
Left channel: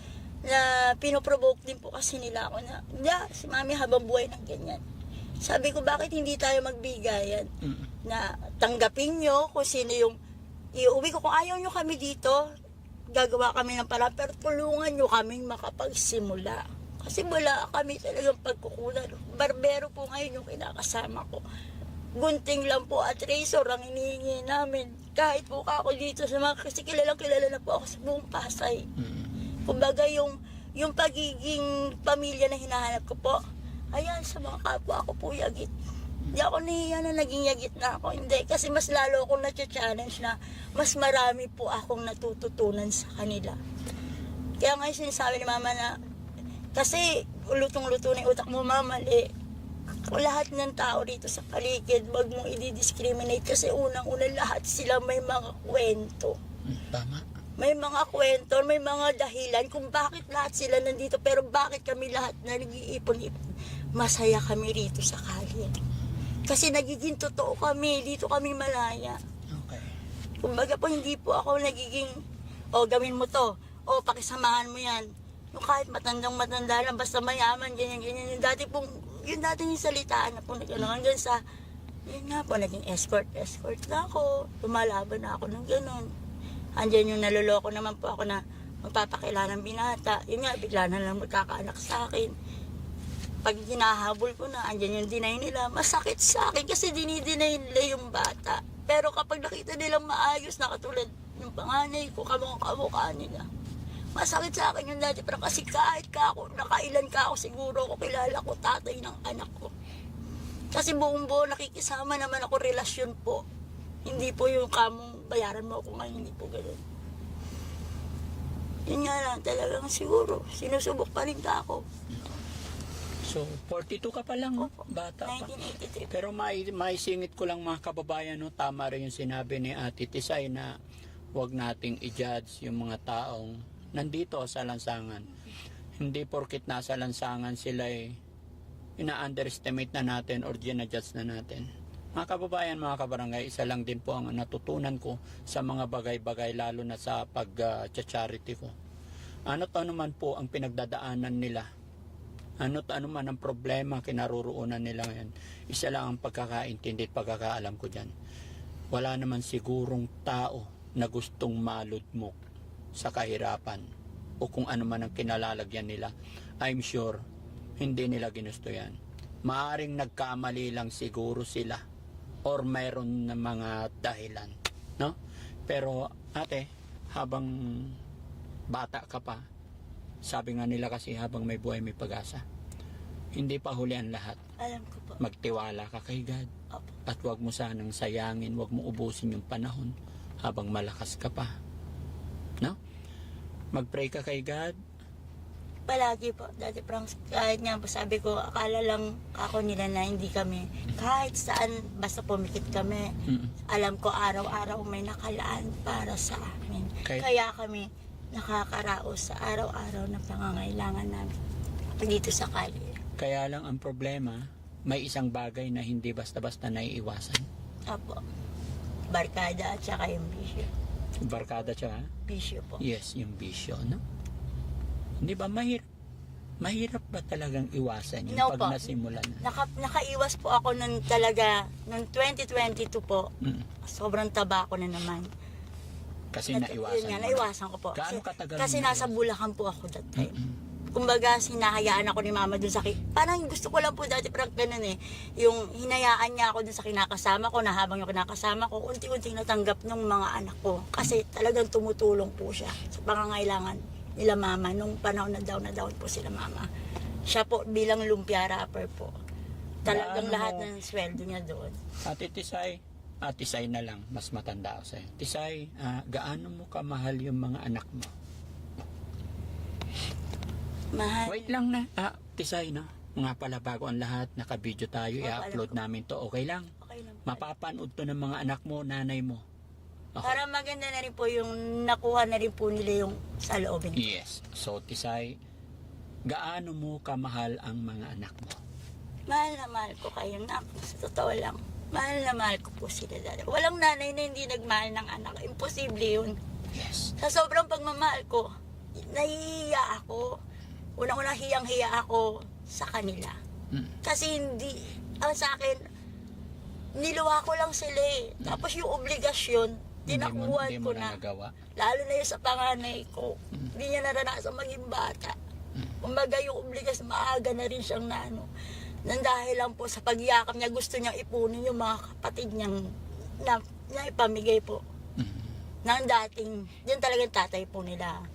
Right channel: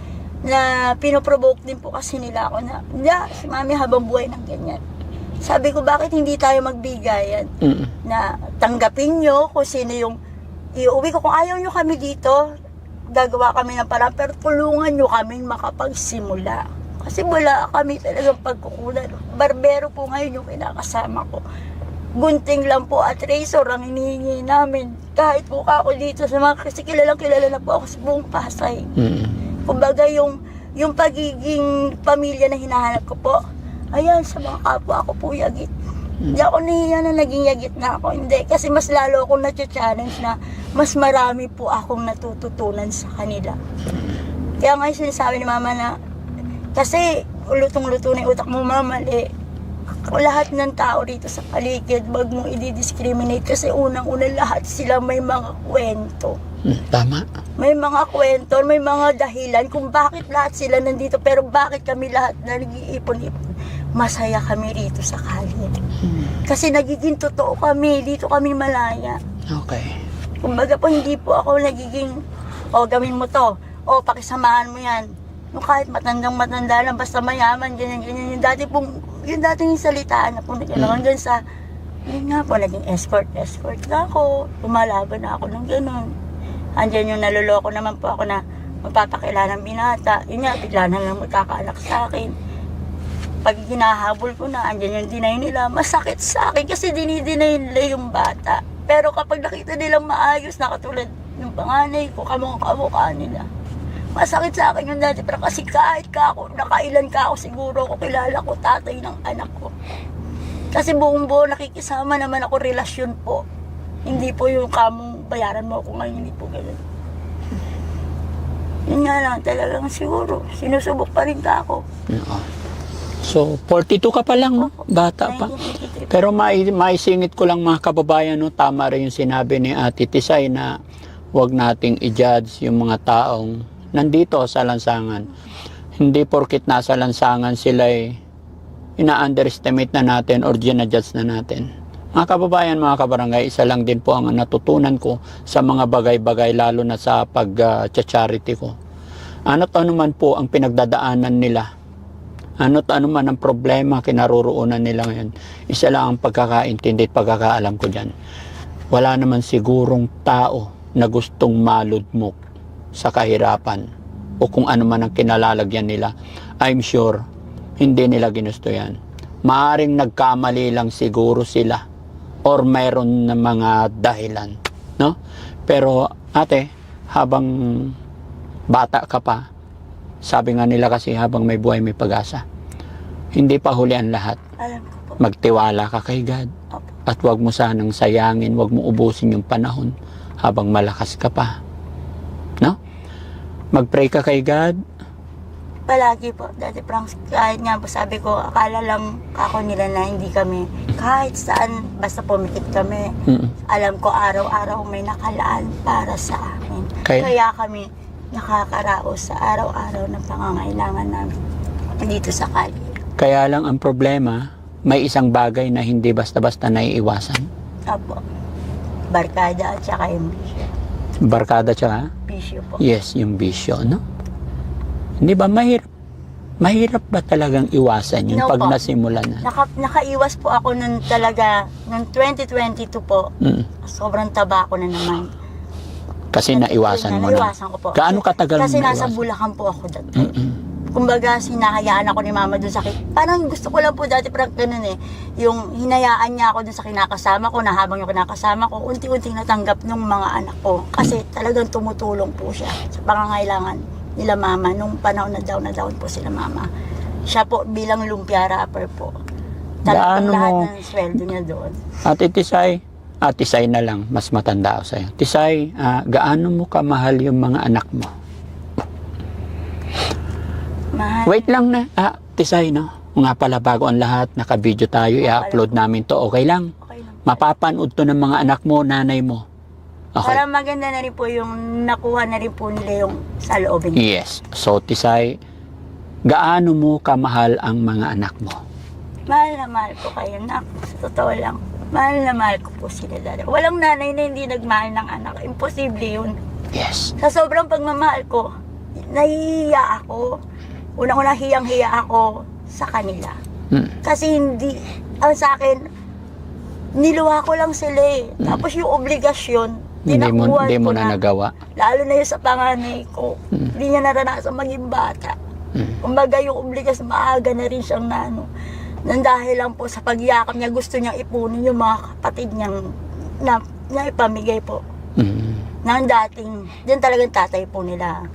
pinoprovoke din po kasi nila ako na, si mami habang buhay ng ganyan. Sabi ko, bakit hindi tayo magbigayan? Na tanggapin nyo kung sino yung iuwi ko. Kung ayaw nyo kami dito, gagawa kami ng parang, pero tulungan nyo kami makapagsimula. Kasi wala kami talagang pagkukunan. Barbero po ngayon yung kinakasama ko. Gunting lang po at razor ang hinihingi namin. Kahit po ako dito sa mga, kasi kilala na po ako sa buong Pasay. Kumbaga yung pagiging pamilya na hinahanap ko po, ayan, sa mga kapwa ako po yagit. Hindi ako nahiya na naging yagit na ako. Hindi, kasi mas lalo akong na-challenge na mas marami po akong natututunan sa kanila. Kaya ngayon sinasabi ni mama na, kasi lutong-luto na yung utak mo, mama, lahat ng tao rito sa paligid, wag mong i-discriminate kasi unang-una lahat sila may mga kwento. Tama. May mga kwento, may mga dahilan kung bakit lahat sila nandito, pero bakit kami lahat na nag-iipon-ipon. Masaya kami rito sa kalye. Kasi nagiging totoo kami, dito kami malaya. Okay. Kumbaga po, hindi po ako nagiging, gawin mo to, pakisamahan mo yan. Yung kahit matandang-matanda lang, basta mayaman, ganyan. Yung dating salitaan na po, hanggang sa, yun nga po, naging escort na ako, pumalaban na ako ng gano'n. Andiyan yung naluloko naman po ako na magpapakilala ng binata. Yun nga, bigla na lang magkakaanak sa akin. Pag hinahabol ko na, andyan yung deny nila, masakit sa akin kasi dinideny nila yung bata. Pero kapag nakita nilang maayos na katulad ng panganay ko, kamukha nila, masakit sa akin yung dati. Pero kasi kahit nakailan ka ako, siguro ako kilala ko, tatay ng anak ko. Kasi buong buo nakikisama naman ako, relasyon po. Hindi po yung kamong bayaran mo ako ngayon, hindi po ganun. Yun nga lang, talagang siguro, sinusubok pa rin ka ako. So, 42 ka pa lang, no? Bata pa. Pero maisingit ko lang mga kababayan, no? Tama rin yung sinabi ni Ate Tisay na huwag nating i-judge yung mga taong nandito sa lansangan. Hindi porkit nasa lansangan sila ina-underestimate na natin or gina-judge na natin. Mga kababayan, mga kabarangay, isa lang din po ang natutunan ko sa mga bagay-bagay, lalo na sa pag-charity ko. Ano't ano man po ang pinagdadaanan nila, ano't ano man ang problema kinaroroonan nila ngayon, isa lang ang pagkakaintindi at pagkakaalam ko dyan. Wala naman sigurong tao na gustong maludmok sa kahirapan o kung ano man ang kinalalagyan nila. I'm sure hindi nila ginusto yan. Maaring nagkamali lang siguro sila or mayroon na mga dahilan, no? Pero ate, habang bata ka pa, sabi nga nila kasi habang may buhay may pag-asa. Hindi pa huli ang lahat. Alam ko po. Magtiwala ka kay God. Opo. At huwag mo sanang sayangin, huwag mo ubusin yung panahon habang malakas ka pa. No? Mag-pray ka kay God. Palagi po, Daddy Frank, kahit nga po sabi ko, akala lang ako nila na hindi kami, kahit saan, basta pumikit kami, alam ko araw-araw may nakalaan para sa amin. Kaya kami nakakaraos sa araw-araw ng pangangailangan namin dito sa kalye. Kaya lang ang problema, may isang bagay na hindi basta-basta naiiwasan. Apo, barkada at saka yung bisyo. Barkada tsaka? Bisyo po. Yes, yung bisyo, no? Hindi ba mahirap ba talagang iwasan yun No pag po. nasimula na? Nakaiwas po ako nun talaga, noong 2022 po, sobrang taba ko na naman. Kasi naiwasan mo na. Naiwasan ko po. Gaano katagal Kasi mo nasa naiwasan? Bulacan po ako that time. Kumbaga, sinahayaan ako ni mama dun sa parang gusto ko lang po dati parang ganun yung hinayaan niya ako dun sa kinakasama ko, na habang yung kinakasama ko, unti-unting natanggap ng mga anak ko. Kasi talagang tumutulong po siya sa pangangailangan nila mama nung panahon na down po sila mama. Siya po bilang lumpia rapper po. Talagang Gaano lahat mo- ng sweldo niya doon. Ate Tisay na lang, mas matanda ako sa'yo. Tisay, gaano mo kamahal yung mga anak mo? Mahal. Wait lang na, Tisay, no? Nga pala, bago ang lahat, naka-video tayo, i-upload namin to, okay lang? Okay lang. Mapapanood to ng mga anak mo, nanay mo. Okay. Para maganda na rin po yung nakuha na rin po nila yung sa loobin. Yes. So, Tisay, gaano mo kamahal ang mga anak mo? Mahal na mahal ko kayo, nak. Sa totoo lang. Mahal na mahal ko po sila dalawa. Walang nanay na hindi nagmahal ng anak. Imposible yun. Yes. Sa sobrang pagmamahal ko, nahihiya ako. Unang-una hiyang-hiya ako sa kanila. Kasi hindi, ang sa akin, niluha ko lang sila eh. Tapos yung obligasyon, Hindi mo tinakuhan ko na nagawa. Lalo na yung sa panganay ko. Hindi niya naranasan maging bata. Kumbaga yung obligasyon, maaga na rin siyang nang dahil lang po sa pagyakap niya, gusto niyang ipunin yung mga kapatid niyang na ipamigay po. Nang dating, yan talagang tatay po nila.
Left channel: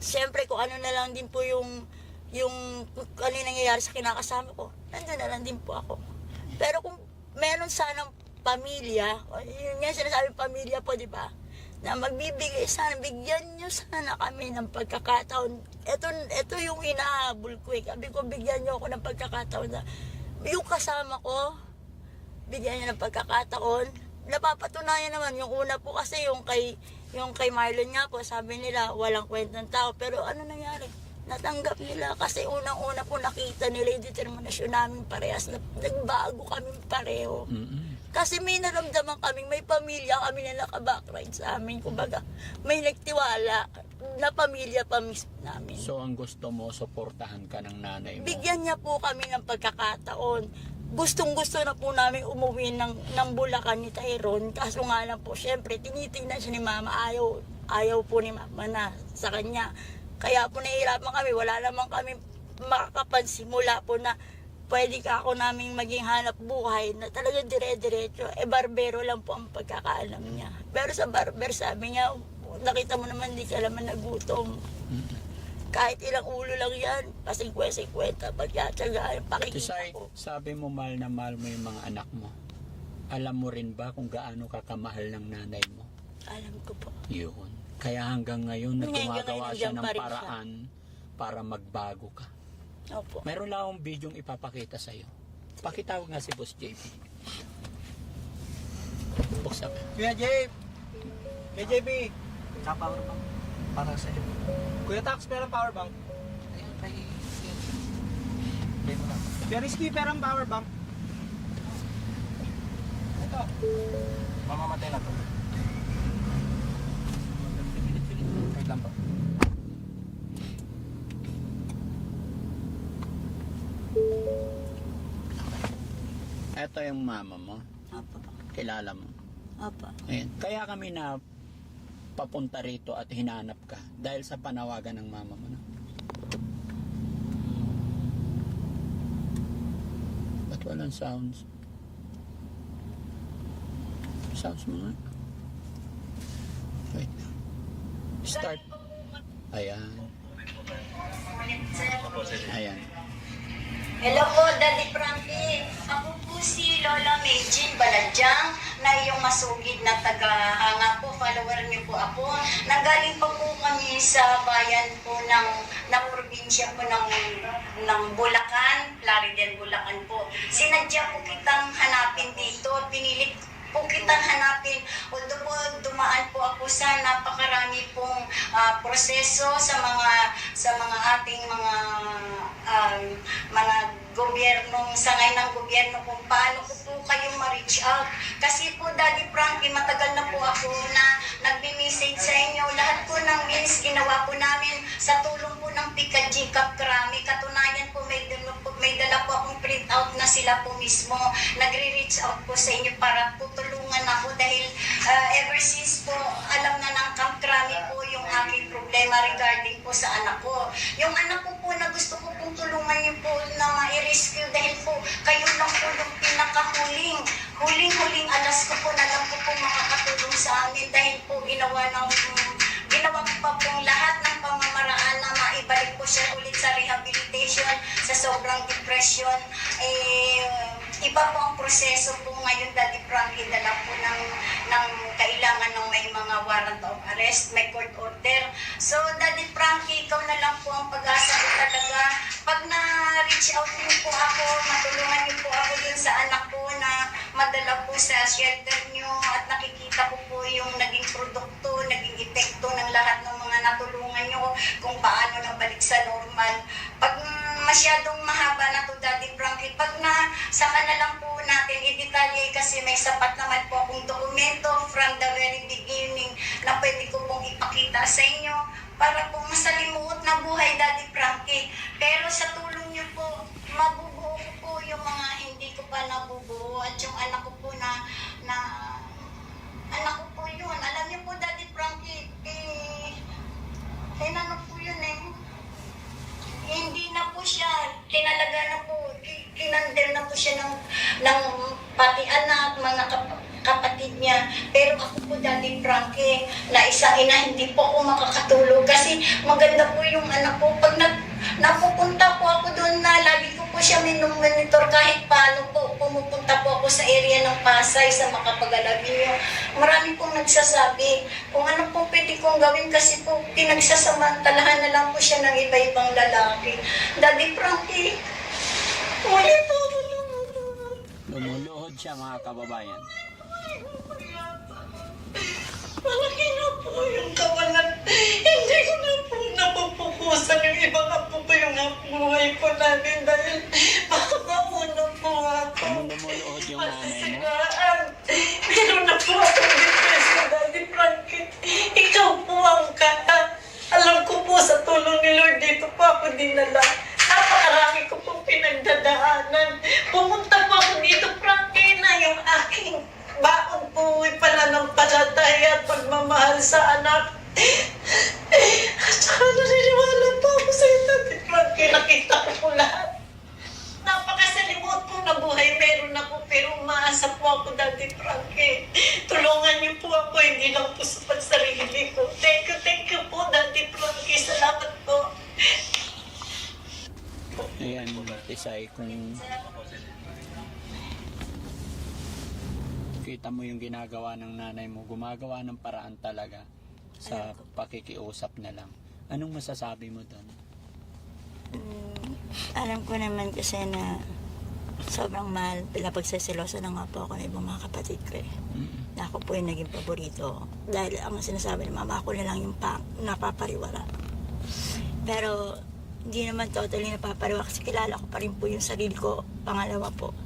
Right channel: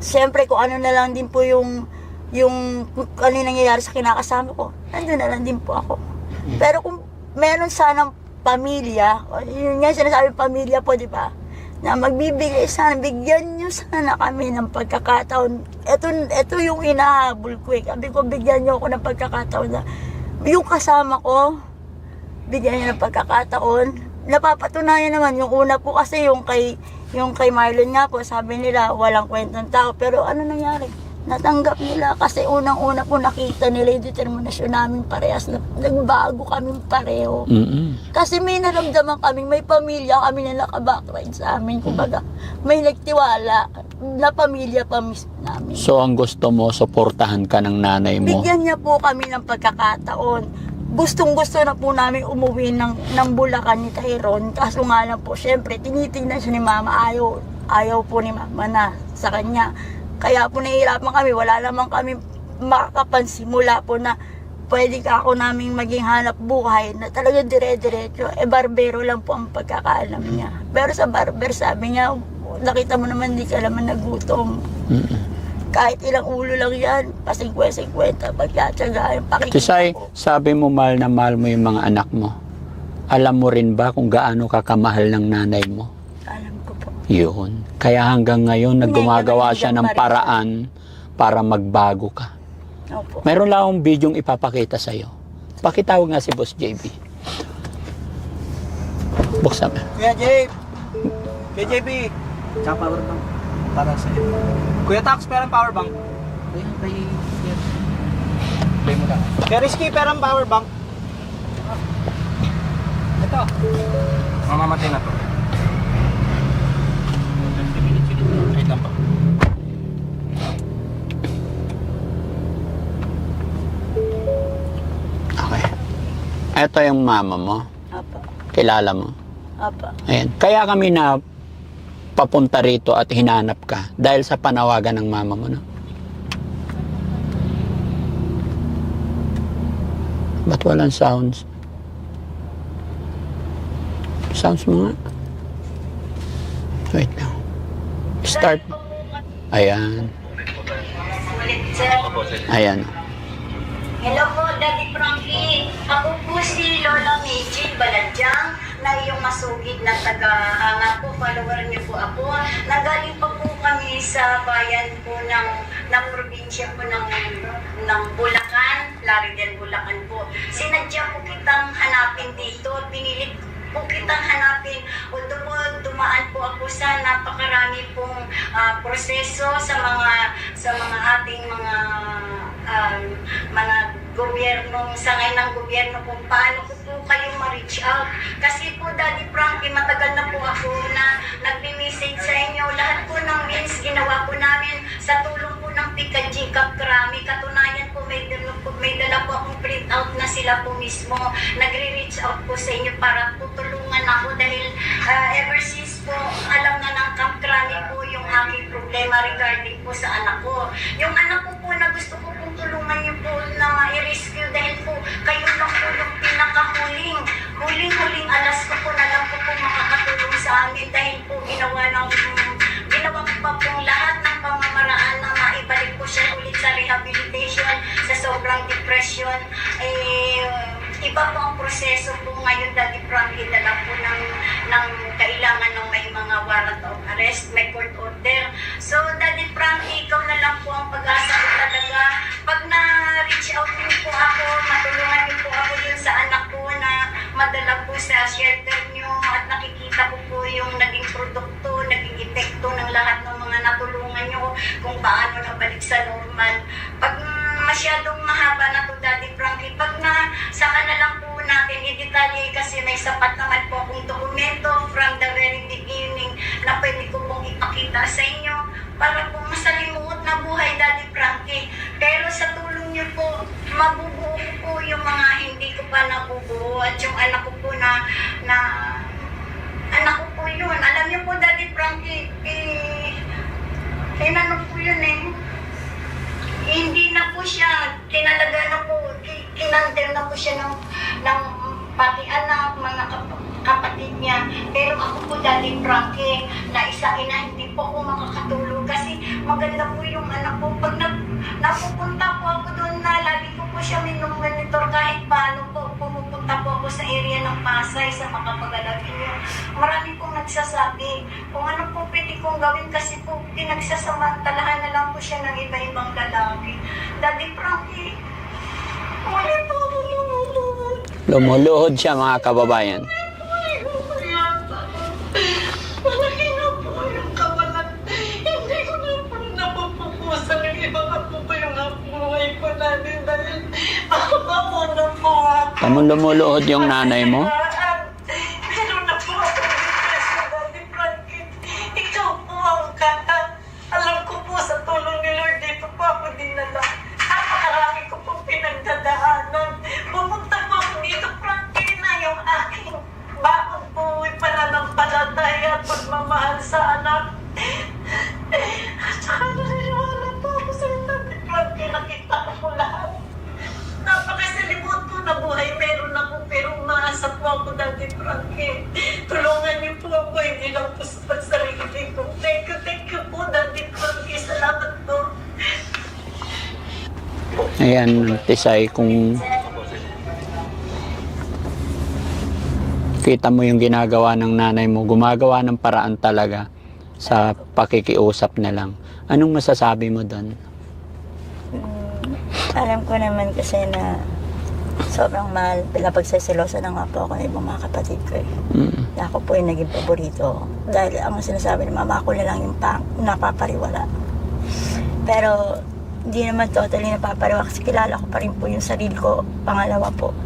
Siyempre kung ano na lang din po yung ano yung nangyayari sa kinakasama ko, nandun na lang din po ako. Pero kung meron sanang pamilya, yun nga sinasabi pamilya po, di ba? Na magbibigay sana, bigyan nyo sana kami ng pagkakataon. Ito yung inahabol ko eh. Sabi ko, bigyan nyo ako ng pagkakataon na yung kasama ko, bigyan nyo ng pagkakataon. Napapatunayan naman, yung una po kasi yung kay Marlon nga po, sabi nila, walang kwentang tao. Pero ano nangyari? Natanggap nila kasi unang-una po nakita nila yung determinasyon namin parehas na nagbago kami pareho. Kasi may naramdaman kami, may pamilya kami na nakabackground sa amin. Kumbaga, may nagtiwala na pamilya pa mismo namin. So, ang gusto mo, suportahan ka ng nanay mo. Bigyan niya po kami ng pagkakataon. Gustong-gusto na po namin umuwi ng Bulacan ni Tyrone. Kaso nga lang po, syempre, tinitingnan siya ni Mama. Ayaw po ni Mama na sa kanya. Kaya po nahihirapan kami, wala naman kami makakapansimula po na pwede ka ako namin maging hanap buhay na talagang dire-diretso. Barbero lang po ang pagkakaalam niya. Pero sa barber, sabi niya, nakita mo naman di ka naman nagutom. Kahit ilang ulo lang yan, pa-50, pagkatsagaan, pakikita Tisay, ko. sabi mo mahal na mahal mo yung mga anak mo. Alam mo rin ba kung gaano ka kamahal ng nanay mo? Alam ko po. Yun. Kaya hanggang ngayon, naggumagawa naman siya ng hanggang paraan para magbago ka. Opo. Mayroon lang akong bidyong ipapakita sa'yo. Pakitawag nga si Boss JB. Buksan mo. Kuya JB! Kuya JB! Tsaka power bank. Para sa iyo. Kuya Tax, perang power bank. Play mo lang. Kuya Rizky, perang power bank. Ito. Mamamatay na to. Wait lang pa. Okay. Ito yung mama mo. Opo. Kilala mo. Opo. Ayan. Kaya kami na papunta rito at hinanap ka dahil sa panawagan ng mama mo, no? Ba't walang sounds? Sounds mo nga. Wait lang. Start. Ayan. Ayan. Hello po, Daddy Frankie. Ako po si Lola Meiji Baladyang na iyong masugid na taga-hanga po. Follower niyo po ako. Nanggaling pa po kami sa bayan po ng probinsya po ng Bulacan, Larigan, Bulacan po. Sinadya po kitang hanapin dito. Pinilit po kitang hanapin. Although po dumaan po ako sa napakarami pong proseso sa mga ating mga gobyernong, sangay ng gobyerno kung paano ko po kayo ma-reach out. Kasi po, Daddy Frankie, matagal na po ako na nagbi-message sa inyo. Lahat po ng means ginawa po namin sa tulong po ng Pika Jikap Krami. Katunayan po, may dala po akong print out na sila po mismo. Nagre-reach out po sa inyo para tutulungan ako dahil ever since po, alam na ng Camp Krami po yung aking problema regarding po sa anak ko. Yung anak ko po na gusto ko po tulungan niyo po na ma-rescue dahil po kayo lang po yung huling alas ko po na lang po makakatulong sa amin dahil po ginawa ko pa pong lahat ng pamamaraan na maibalik po siya ulit sa rehabilitation, sa sobrang depression. Iba po ang proseso po ngayon, Daddy Frankie, dala po ng kailangan ng may mga warrant of arrest, may court order. So, Daddy Frankie, ikaw na lang po ang pag-asa ko talaga. Pag na-reach out niyo po ako, matulungan niyo po ako dun sa anak ko na madala po sa shelter nyo at nakikita ko po yung naging produkto, naging epekto ng lahat ng mga natulungan nyo kung paano nabalik sa normal. Pag masyadong mahaba na to, Daddy Frankie, pag na saka na lang po natin i-detalye kasi may sapat naman po akong dokumento from the very beginning na pwede ko pong ipakita sa inyo para po masalimuot na buhay, Daddy Frankie. Pero sa tulong niyo po, mabubuo ko po yung mga hindi ko pa nabubuo at yung anak ko po na anak ko po yun. Alam niyo po, Daddy Frankie, tinanong po yun hindi na po siya, tinalaga na po, kinandel na po siya ng pati anak, mga kapatid niya. Pero ako po, Daddy Frankie, na isa ina, hindi po ako makakatulog kasi maganda po yung anak ko. Pag napupunta po ako doon na, lagi ko po siya minumonitor kahit paano po. Pumupunta po ako sa area ng Pasay, sa Makapag-Alabing niyo. Marami pong nagsasabi kung ano po pwede kong gawin kasi po pinagsasamantalahan na lang po siya ng iba-ibang lalaki. Daddy Frankie, wala po ako lumulunod. Lumuluhod siya, mga kababayan. Malaki na po yung kawalan. Hindi ko na po napupupusan yung iba na po ba yung buhay ko namin dahil ako na po. Kamu lumuluhod yung nanay mo? Meron na po ako depresya, Daddy Frankie. Ikaw po ang kata. Alam ko po sa tulong ni Lord dito po ako dinala. Napakarami ko po pinagdadaanan. Pumunta po ako dito, Frankie, na yung aking baon po pananampalataya at pagmamahal sa anak. At saka naniniwala po ako sa iyo, Daddy Frankie. Nakita ko po lahat. Napakasalimot po na buhay meron ako pero umaasa po ako, Daddy Frankie. Tulungan niyo po ako, hindi lang po sa pagsarili ko. Thank you po, Daddy Frankie. Salamat po. Ayan, Tisay, kung kita mo yung ginagawa ng nanay mo, gumagawa ng paraan talaga sa pakikiusap na lang. Anong masasabi mo doon? Alam ko naman kasi na sobrang mahal, pinapagsasilosa na nga po ako ng ibang mga kapatid ko Na ako po yung naging paborito. Dahil ang sinasabi ni mama, ako na lang yung napapariwala. Pero hindi naman totally napapariwala kasi kilala ko pa rin po yung sarili ko. Pangalawa po,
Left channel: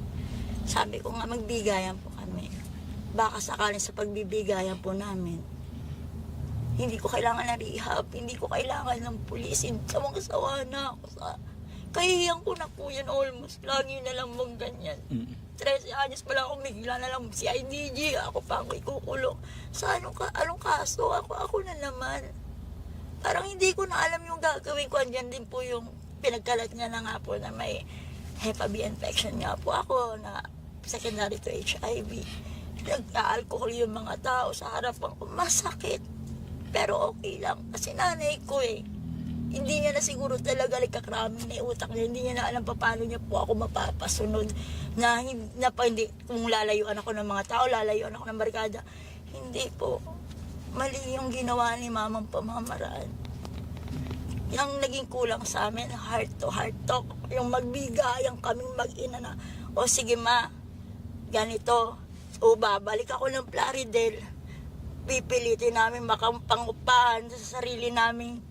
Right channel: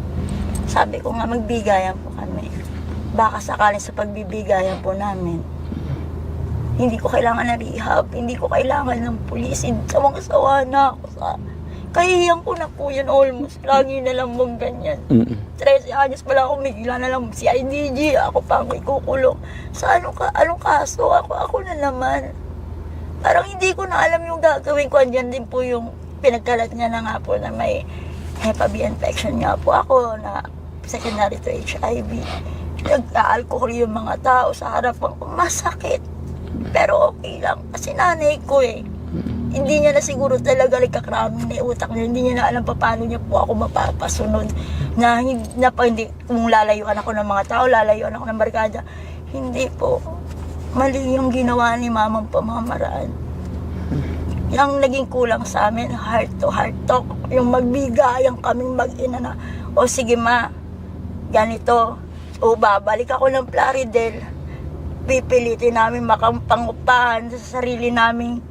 sabi ko nga magbigayan po kami. Baka sakaling sa pagbibigayan po namin, hindi ko kailangan na rehab, hindi ko kailangan ng pulis, sawang-sawa na ako sa... Kahihiyan ko na po yun almost. Lagi na lang mong ganyan. 13 anyos pala ako, bigla na lang si IDG, ako pa ang ikukulong. Sa anong kaso? Ako na naman. Parang hindi ko na alam yung gagawin ko. Andyan din po yung pinagkalat niya na nga po na may Hep B infection nga po ako na secondary to HIV. Nag-alcohol yung mga tao sa harapan ko. Masakit. Pero okay lang. Kasi nanay ko Hindi niya na siguro talaga nagkakraming na utak niya. Hindi niya na alam pa paano niya po ako mapapasunod. Hindi, kung lalayuan ako ng mga tao, lalayuan ako ng barkada. Hindi po. Mali yung ginawa ni mamang pamamaraan. Yung naging kulang sa amin, heart to heart talk. Yung magbigayang kaming mag-ina na, o sige ma, ganito. O babalik ako ng Plaridel. Pipilitin namin makampangupahan sa sarili namin.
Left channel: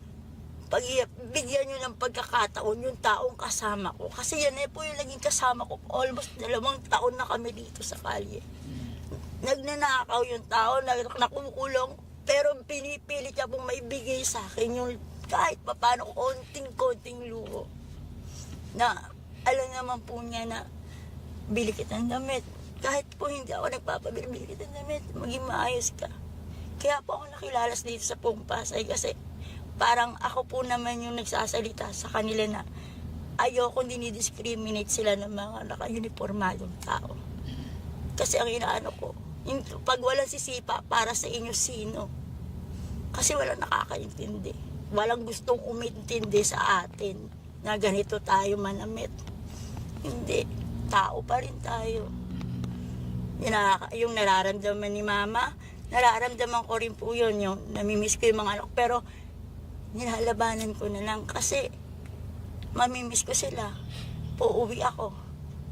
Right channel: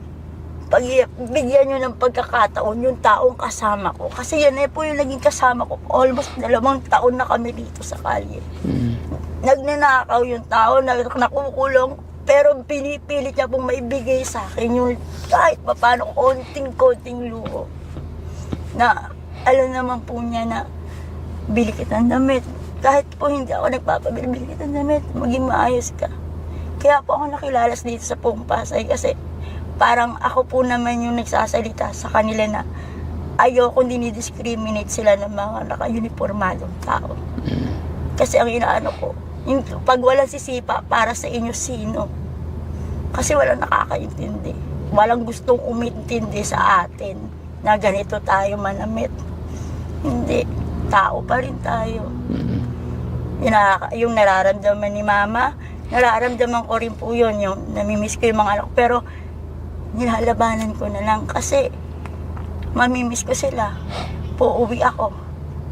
Bigyan nyo ng pagkakataon yung taong kasama ko. Kasi yan po yung naging kasama ko. Almost 2 taon na kami dito sa kalye. Nagnanakaw yung tao, nakukulong. Pero pinipilit niya pong maibigay sa akin yung kahit paano konting-konting luho. Na alam naman po niya na bili kitang damit. Kahit po hindi ako nagpapabili, bili kitang damit. Maging maayos ka. Kaya po ako nakilalas dito sa Pasay kasi parang ako po naman yung nagsasalita sa kanila na ayokong dinidiscriminate sila ng mga naka-uniformadong tao. Kasi ang inaano ko, pag walang sisipa, para sa inyo sino? Kasi walang nakakaintindi. Walang gustong umintindi sa atin na ganito tayo manamit. Hindi. Tao pa rin tayo. Yung nararamdaman ni mama, nararamdaman ko rin po yun. Yung namimiss ko yung mga anak ko. Pero nilalabanan ko na lang kasi mamimiss ko sila. Uuwi ako.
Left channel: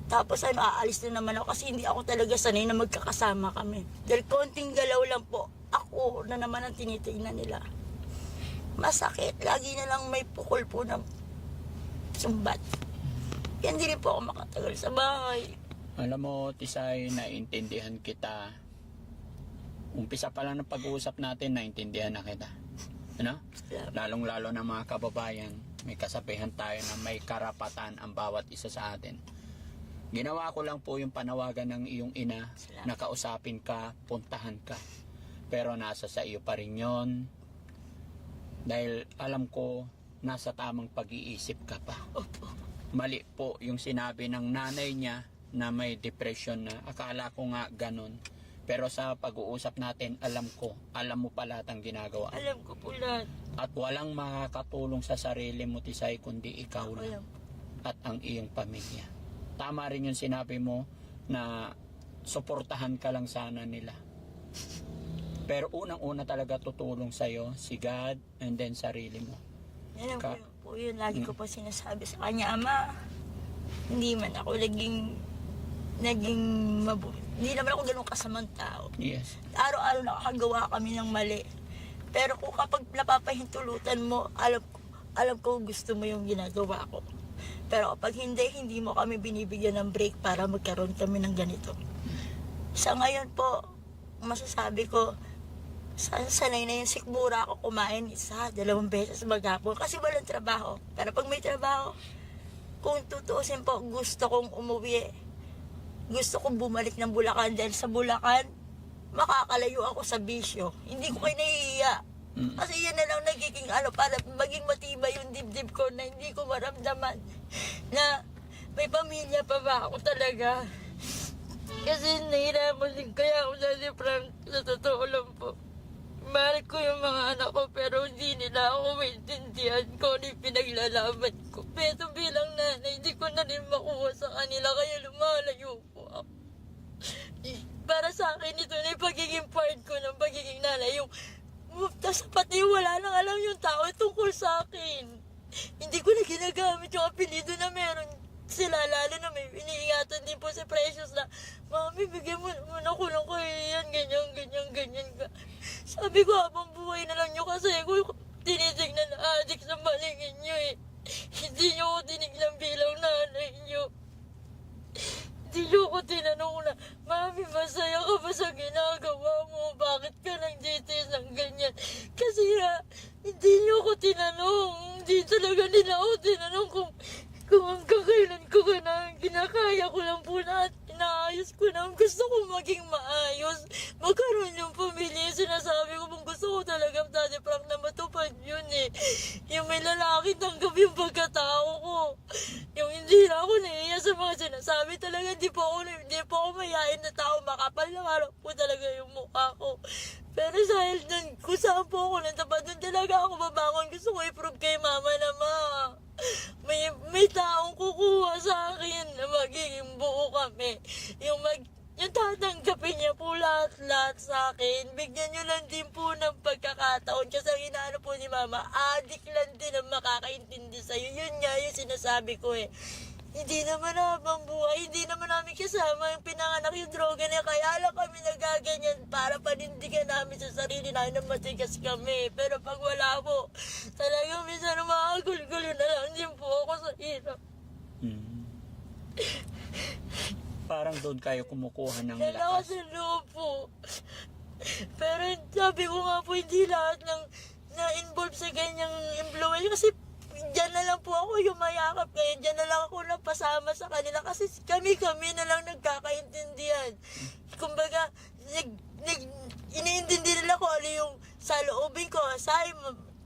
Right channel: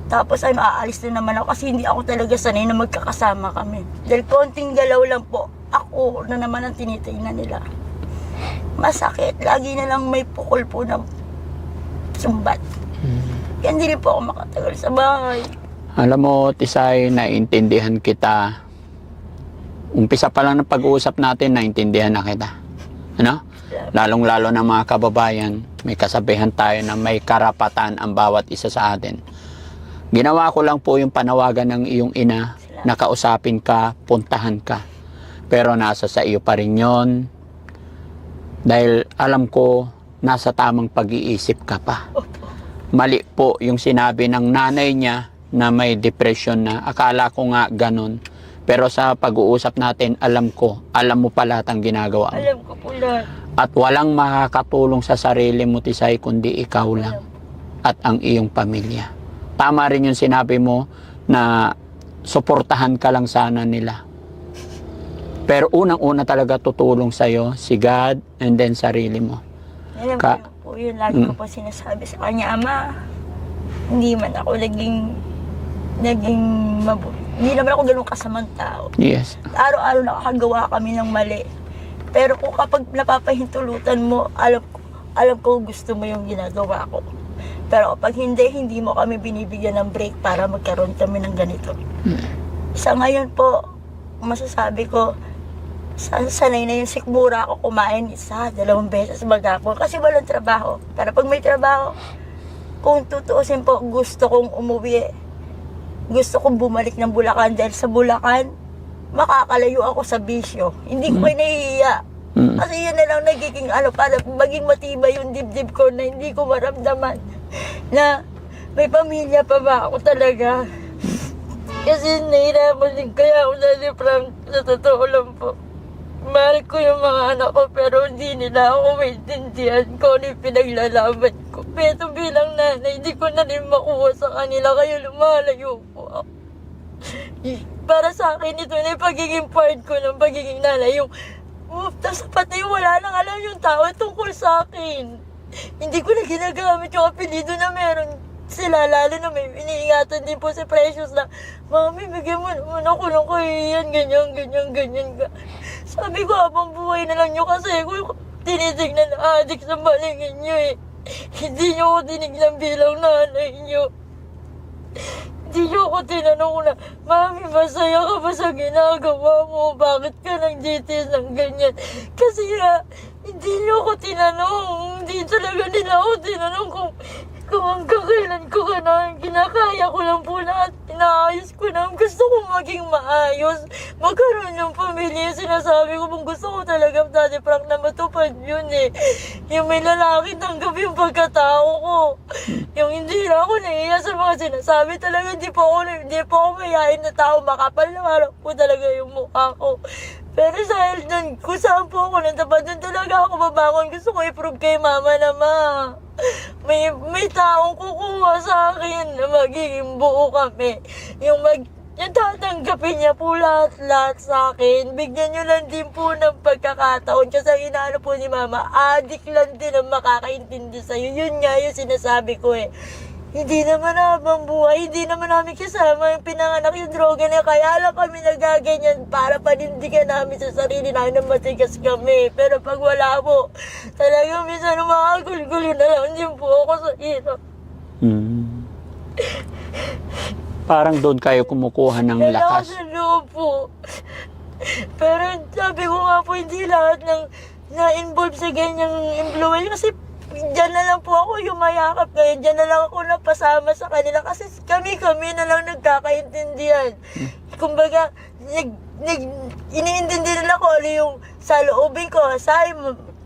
Tapos aalis na naman ako kasi hindi ako talaga sanay na magkakasama kami. Dahil konting galaw lang po, ako na naman ang tinitingnan nila. Masakit. Lagi na lang may pukol po ng sumbat. Kaya hindi rin po ako makatagal sa bahay. Alam mo, Tisay, naiintindihan kita. Umpisa pa lang ng pag-uusap natin, naiintindihan na kita. Ano? Lalong-lalo na mga kababayan, may kasabihan tayo na may karapatan ang bawat isa sa atin. Ginawa ko lang po yung panawagan ng iyong ina, nakausapin ka, puntahan ka. Pero nasa sa iyo pa rin yun. Dahil alam ko, nasa tamang pag-iisip ka pa. Mali po yung sinabi ng nanay niya na may depression na. Akala ko nga ganun. Pero sa pag-uusap natin, alam mo pa lahat ang ginagawa mo. Alam ko po lahat. At walang makakatulong sa sarili mo, Tisay, kundi ikaw lang at ang iyong pamilya. Tama rin yung sinabi mo na suportahan ka lang sana nila. Pero unang-una talaga tutulong sa'yo si God and then sarili mo. Alam ko po yun. Lagi ko po sinasabi sa kanya, Ama, hindi man ako naging mabuti. Hindi naman ako ganun kasamang tao. Yes. Araw-araw nakakagawa kami ng mali. Pero kung kapag napapahintulutan mo, alam ko gusto mo yung ginagawa ko. Pero kapag hindi mo kami binibigyan ng break para magkaroon kami ng ganito. Sa ngayon po, masasabi ko, sanay na yung sikmura ako kumain 1, 2 beses maghapon kasi walang trabaho. Pero pag may trabaho, kung tutuusin po, gusto kong umuwi. Gusto kong bumalik ng Bulacan dahil sa Bulacan, makakalayo ako sa bisyo. Hindi ko kayo nahihiya. Kasi yan na lang nagiging para maging matibay yung dibdib ko na hindi ko maramdaman na may pamilya pa ba ako talaga. Kasi nahihirapan din kaya ako Daddy Frank, sa totoo lang po. Mahal ko yung mga anak ko pero hindi nila ako maintindihan ko ano yung pinaglalaban ko. Pero bilang nanay, hindi ko na rin makuha sa kanila kaya lumalayo po ako. Para sa akin ito na yung pagiging part ko ng pagiging nanay. Yung tapos pati wala nang alam yung tao tungkol sa akin. Hindi ko na ginagamit yung apelido na meron sila, lalo na may iniingatan din po si Precious na, Mami, bigyan mo naman ako ng kahiyan, ganyan ka. Sabi ko, habang buhay na lang nyo kasi ko tinitignan na adik sa balingin nyo eh. Hindi nyo ako tinignan bilang nanay nyo. Hindi nyo ako tinanong na, Mami, masaya ka ba sa ginagawa mo? Bakit ka nang GTS ng ganyan? Kasi hindi nyo ako tinanong. Hindi talaga nila ako tinanong kung hanggang kailan ko ka na, kinakaya ko lang po lahat, inaayos ko lang. Gusto ko maging maayos, magkaroon ng pamilya. Sinasabi ko, kung gusto ko talaga, Daddy Frank, na matupad yun eh. Yung may lalaki, tanggap yung pagkatao ko. Yung hindi na ako naiiya sa mga sinasabi talaga, hindi po ako mayayain na tao, makapal na harap po talaga yung mukha ko. Pero dahil dun, kung saan po ako natapat, dun talaga ako babangon. Gusto ko i-prove kay Mama na may taong kukuha sa akin na magiging buo kami. Yung tatanggapin niya po lahat sa akin. Bigyan niyo lang din po ng pagkakataon. Kasi ang inaano po ni Mama, adik lang din ang makakaintindi sa'yo. Yun nga yung sinasabi ko eh. Hindi naman habang buhay, hindi naman namin kasama yung pinanganak yung droga na kaya lang kami nagaganyan para panindigan namin sa sarili namin na matigas kami. Pero pag wala po, talagang minsan makagulgulo na lang din po ako sa hirap. Parang doon kayo kumukuha ng lakas. Sa loob po. Pero sabi ko nga po, hindi lahat ng na-involve sa ganyang influence kasi diyan na lang po ako yumayakap ngayon. Diyan na lang ako napasama sa kanila kasi kami na lang nagkakaintindihan. Kumbaga, iniintindi nila ko ano yung sa loobin ko. Say,